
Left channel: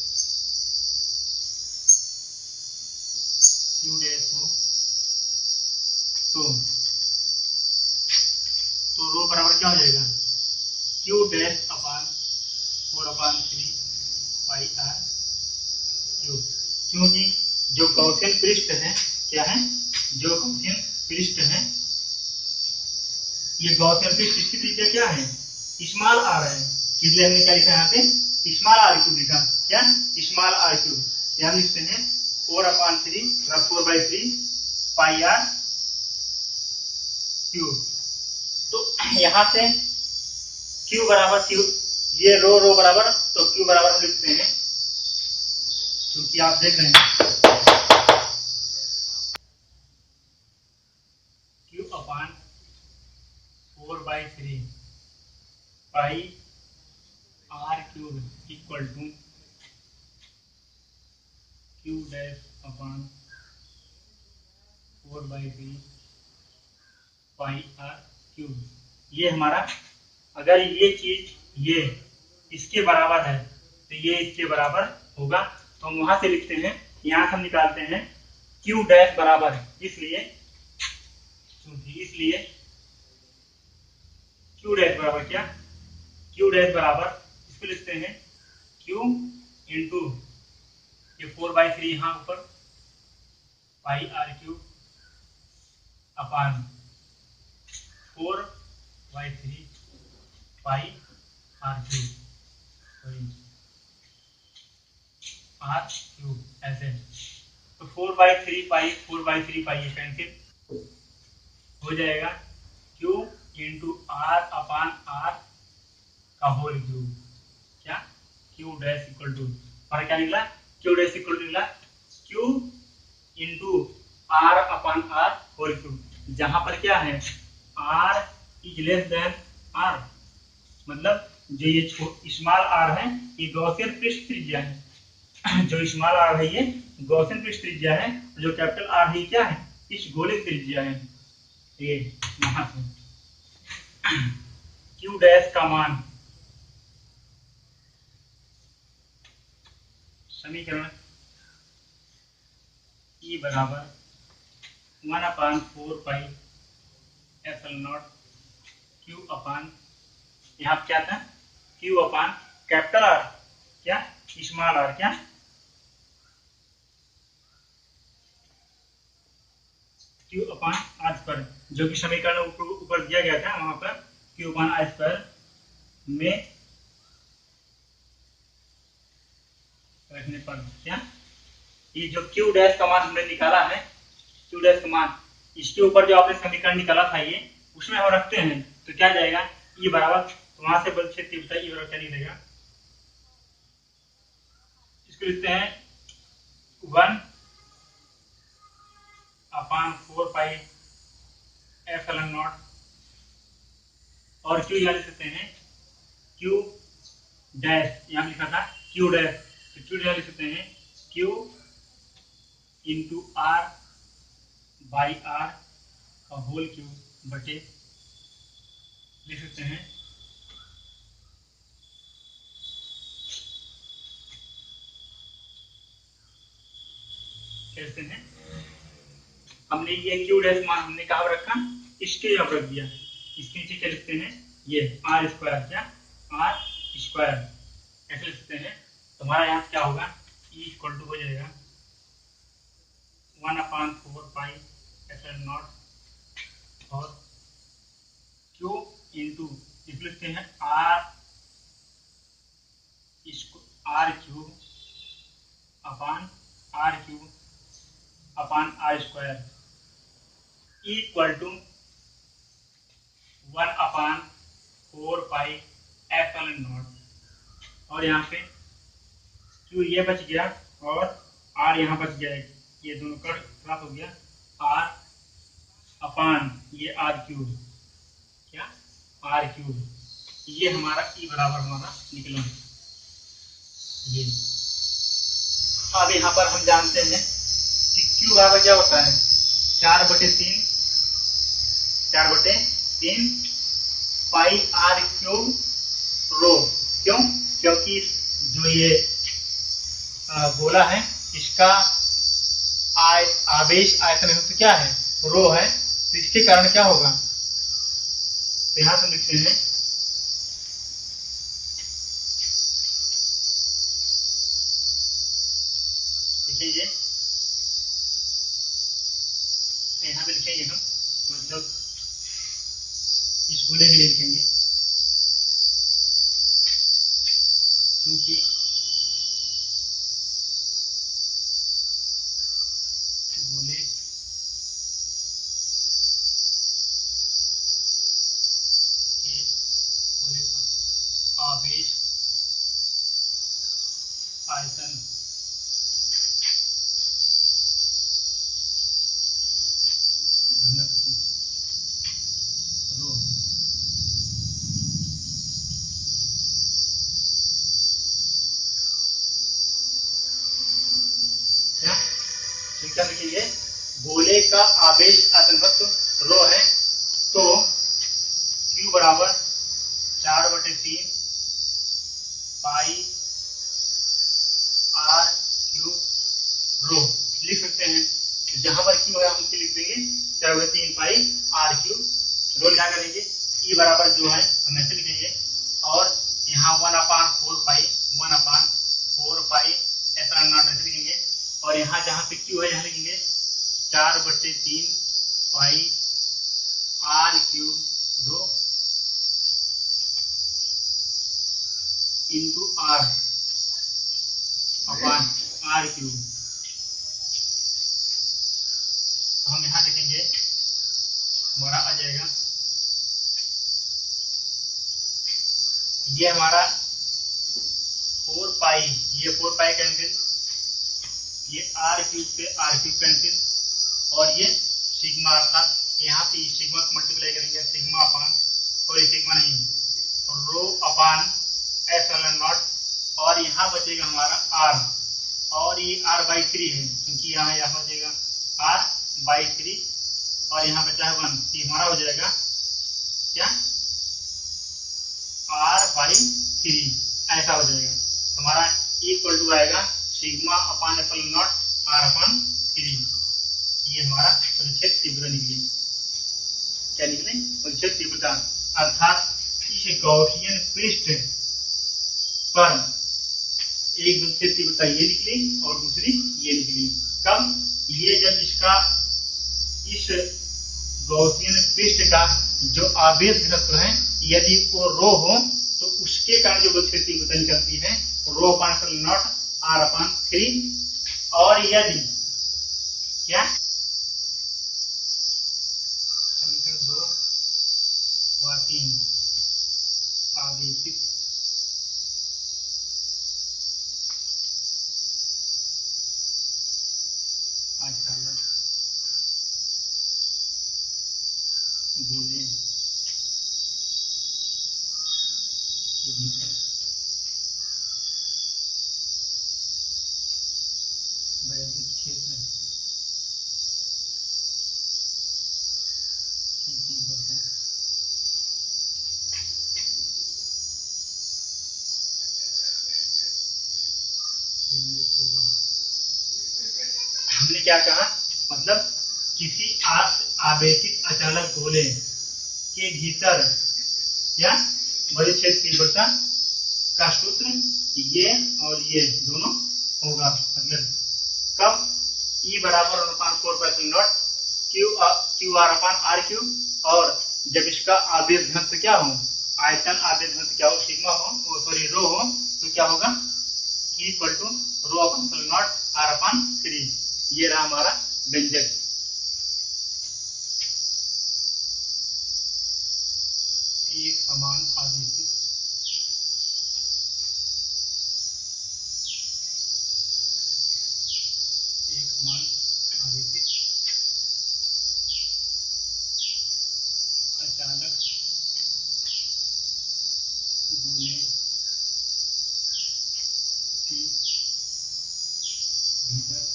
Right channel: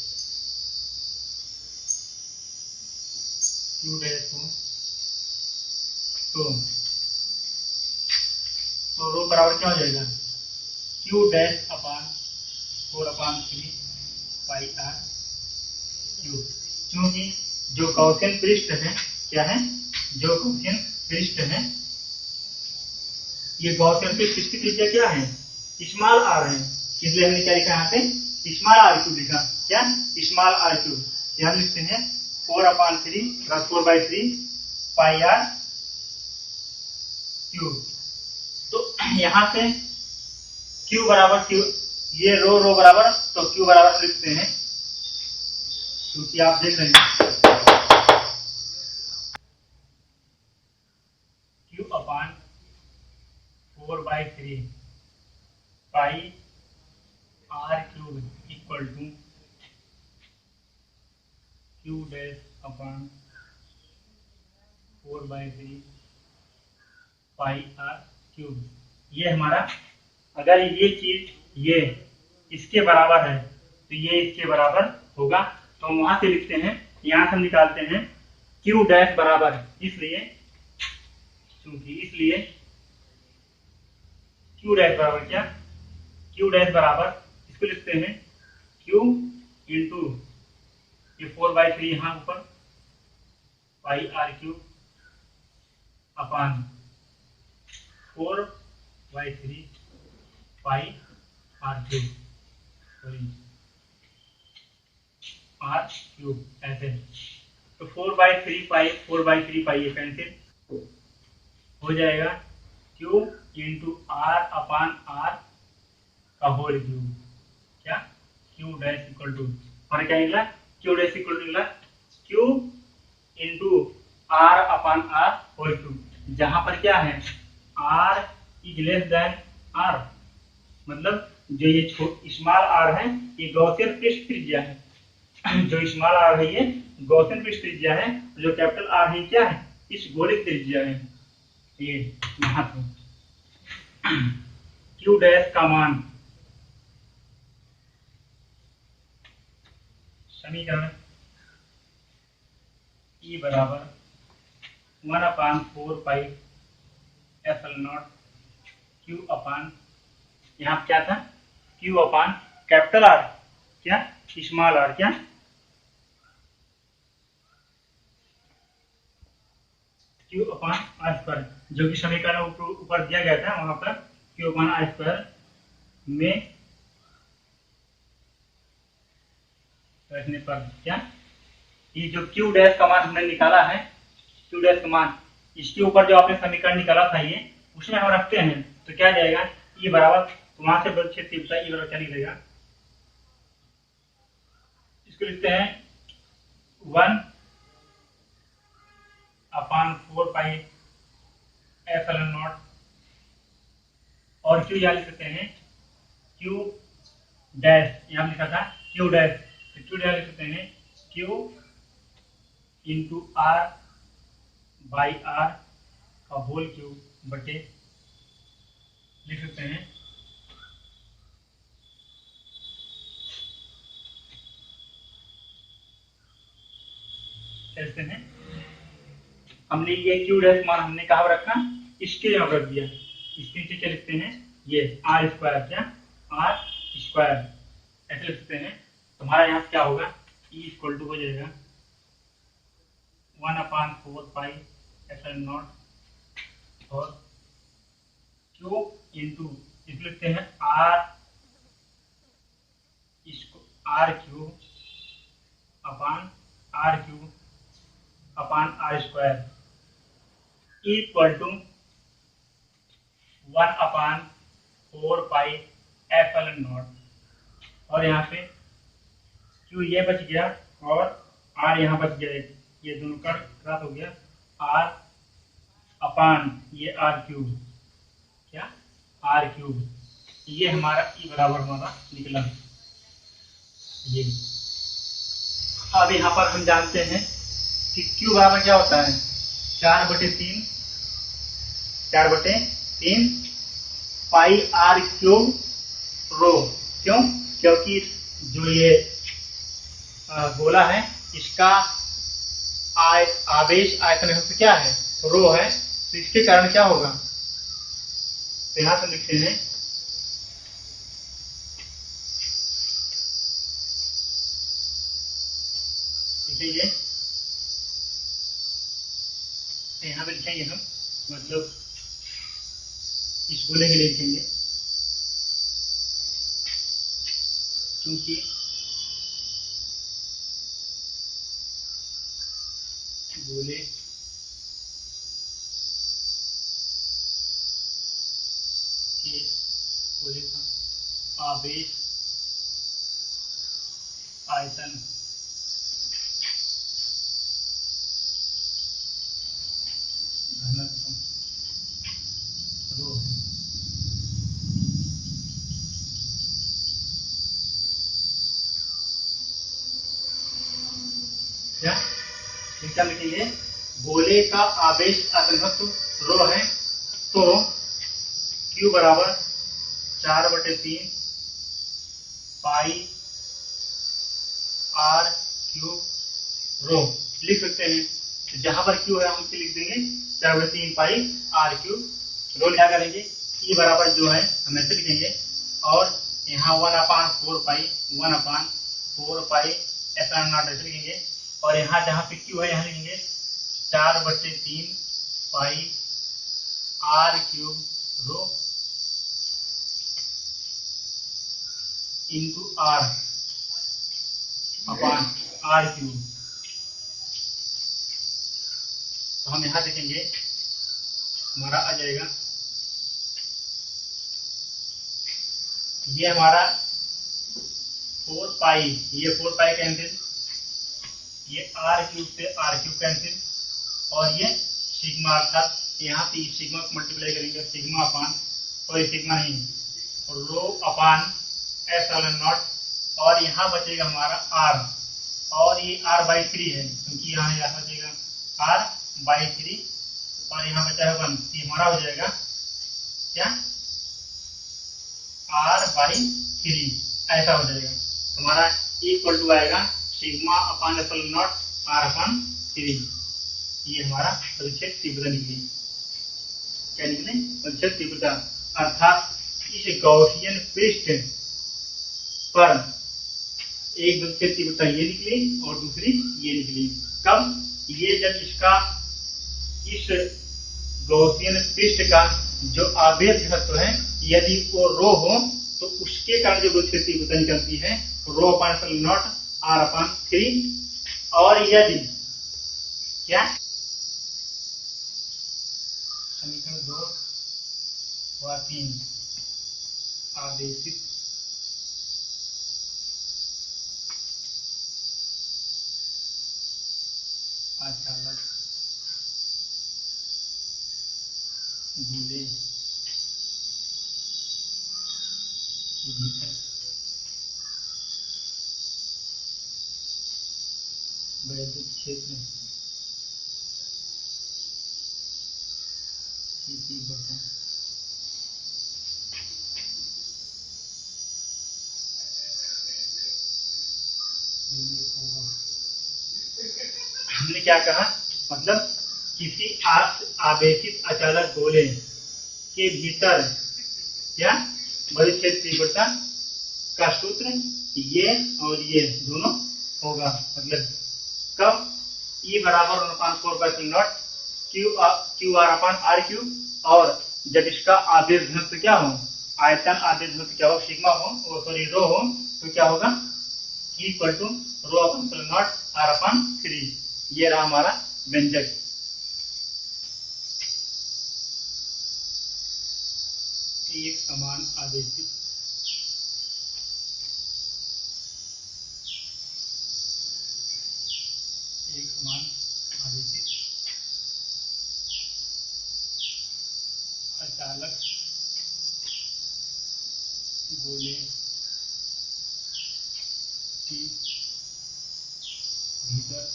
क्यू डैश हो तो रो बराबर क्या हो जाएगा, q dash upon 4/3 pi are cube. क्योंकि जो गॉसियन पृष्ठ है क्या है, जो गॉसियन पृष्ठ है, ये गॉसियन पृष्ठ, इसकी त्रिज्या क्या है, स्मॉल आर है, इसलिए हमने क्या लिखा यहाँ पे, स्मॉल आर क्यूब लिखा, क्या, स्मॉल आर क्यूब। यहाँ लिखते हैं 4/3 प्लस 4/3 पाई आर क्यूब। तो यहाँ से क्यू बराबर क्यू, ये रो बराबर, तो क्यू बराबर हम लिखते हैं, क्योंकि आप देख रहे हैं q upon 4/3 pi are cube equal to q dash upon 4/3 pi are cube. ये हमारा, अगर ये चीज ये इसके बराबर है तो ये इसके बराबर होगा, तो हम वहां से लिखते हैं, यहां से हम निकालते हैं क्यू डैश बराबर, इसलिए क्यू डैश बराबर क्या, क्यू डैश बराबर, इसको लिखते हैं क्यू इंटू ये 4/3 यहाँ ऊपर pi are cube upon 4/3 pi are cube, sorry R cube, ऐसे। तो 4/3 पाई ये कैंसिल हो जाएगा, Q into R upon R का होल क्यूब, क्या, क्यू डैश इक्वल टू, और क्या निकला, क्यू डैश इक्वल टू निकला Q into R upon R whole cube. जहां पर क्या है, R is less than R, मतलब जो ये स्मॉल आर है ये गॉसियन पृष्ठ त्रिज्या है, जो स्मॉल आर है ये गॉसियन पृष्ठ त्रिज्या है, जो कैपिटल आर है क्या है, इस गोले की त्रिज्या है, ये वहां से क्यू डैश का मान, समीकरण ई बराबर 1/4 पाई एप्सिलॉन क्यू अपान, यहाँ क्या था, क्यू अपान कैपिटल आर क्या, स्मॉल आर क्या, क्यू अपान आर स्क्वायर, जो कि समीकरण ऊपर दिया गया था, वहां पर क्यू अपान आर स्क्वायर में रखने पर क्या, ये जो क्यू डैश का मान हमने निकाला है, क्यू डैश का मान, इसके ऊपर जो आपने समीकरण निकाला था ये, उसमें हम रखते हैं तो क्या जाएगा, ई बराबर, वहां से बल क्षेत्र तीव्रता ई बराबर क्या निकलेगा, इसको लिखते हैं 1/4 पाई एप्सिलॉन नॉट, और क्यू यहाँ लिख सकते हैं क्यू डैश, यहाँ लिखा था क्यू डैश, तो क्यू डैश लिख सकते हैं q into r by r का होल क्यूब बटे, लिख सकते हैं क्या लिखते हैं हमने ये क्यू डैश मान हमने कहाँ रखा, इसके यहाँ रख दिया। इसके नीचे क्या लिखते हैं, ये आर स्क्वायर, क्या आर स्क्वायर ऐसे लिख सकते हैं। तुम्हारा यहाँ क्या होगा, ई इक्वल टू हो जाएगा 1/4 पाई एप्सिलॉन नॉट और क्यू इंटू इसको लिखते हैं r cube upon are square equal to 1/4 pi epsilon naught. और यहाँ पे क्यू ये बच गया और आर यहाँ बच गया, ये दोनों का क्रॉस हो गया, आर अपान ये आर क्यूब, क्या आर क्यूब, ये हमारा ई बराबर हमारा निकला ये। अब यहाँ पर हम जानते हैं कि क्यू बराबर क्या होता है, 4/3 पाई आर क्यूब रो। क्यों, क्योंकि जो ये गोला है इसका आवेश आयतन तो क्या है, रो है, तो इसके कारण क्या होगा, तो यहां से लिखते हैं लिखेंगे, यहाँ पे लिखेंगे हम, मतलब इस गोले के लिए लिखेंगे क्योंकि गोले का आवेश आयतन घनत्व रो है। क्या क्या लिखेंगे, गोले का आवेश आयतन घनत्व रो है, तो Q बराबर 4/3 पाई आर क्यूब रो लिख सकते हैं। तो जहां पर Q है हम उसके लिख देंगे 4/3 पाई आर क्यूब रो। क्या करेंगे, ई बराबर जो है हम ऐसे लिखेंगे और यहाँ 1/4 पाई एप्सिलॉन नॉट ऐसे लिखेंगे और यहाँ जहाँ पे Q है यहाँ लिखेंगे 4/3 pi are cube rho into R upon R cube. तो हम यहां देखेंगे हमारा आ जाएगा, ये हमारा 4 पाई, ये 4 पाई कैंसिल, ये आर क्यूब से आर क्यूब कैंसिल और ये सिग्मा, अर्थात यहाँ पे सिग्मा को मल्टीप्लाई करेंगे, सिग्मा अपान, सॉरी सिग्मा नहीं, रो अपान एप्सिलॉन नॉट और यहाँ बचेगा हमारा आर और ये r/3 है क्योंकि यहाँ बचेगा r/3 और यहाँ बचा है 1, ये हमारा हो जाएगा क्या r/3 ऐसा हो जाएगा। हमारा इक्वल टू आएगा sigma upon epsilon not r/3। ये हमारा परिच्छेद तीव्रता निकली। क्या निकले, परिच्छेद तीव्रता, अर्थात इस गॉसियन पृष्ठ पर एक परिच्छेद तीव्रता ये निकली और दूसरी ये निकली। कब, ये जब इसका इस गॉसियन पृष्ठ का जो आवेश घनत्व है यदि वो रो हो तो उसके कारण जो परिच्छेद तीव्रता निकलती है रो अपान एप्सिलॉन नॉट r/3। और यदि क्या समीकरण 2 व 3 आवेशित अचालक गोले के भीतर वैद्युत क्षेत्र की तीव्रता होगा। हमने क्या कहा, मतलब किसी आवेशित अचालक गोले के भीतर क्या बड़ी क्षेत्र तीव्रता का सूत्र ये और ये दोनों होगा। मतलब कब E बराबर 1/4 q r upon r q, और जब इसका आवेश घनत्व क्या हो, आयतन आवेश घनत्व क्या हो, सिग्मा हो, सॉरी रो हो, तो क्या होगा E equal to rho upon not R upon 3। ये रहा हमारा व्यंजक। एक समान आवेशित अचालक गोले के भीतर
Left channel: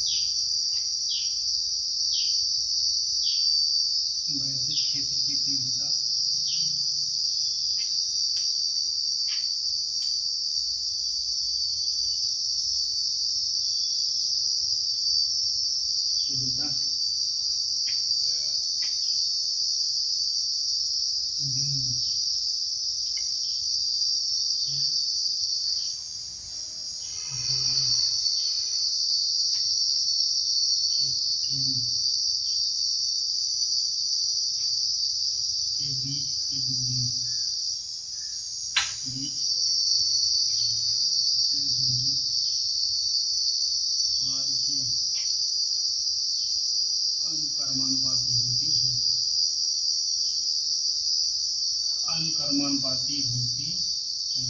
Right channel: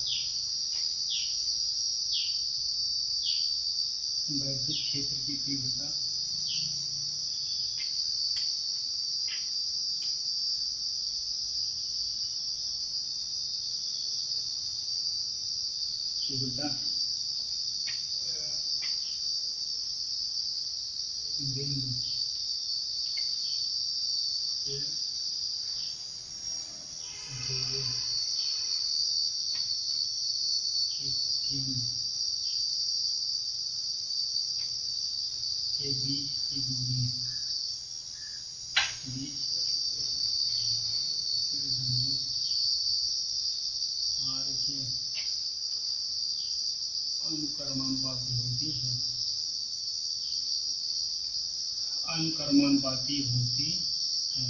वैद्युत क्षेत्र की तीव्रता बिंदु के बीच की दूरी r के अनुक्रमानुपाती होती है,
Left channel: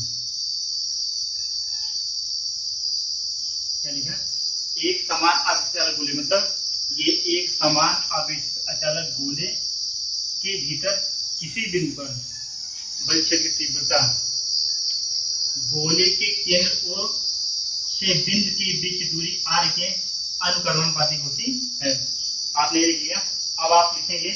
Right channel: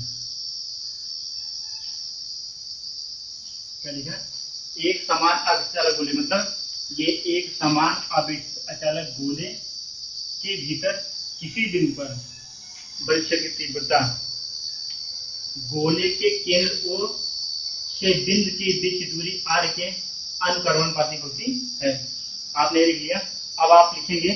क्या लिखा है? एक समान अचालक गोले, मतलब ये एक समान अचालक गोले के भीतर किसी बिंदु पर बल क्षेत्र की तीव्रता गोले के केंद्र O से बिंदु के बीच दूरी r के अनुक्रमानुपाती होती है। आपने लिख लिया। अब आप लिखेंगे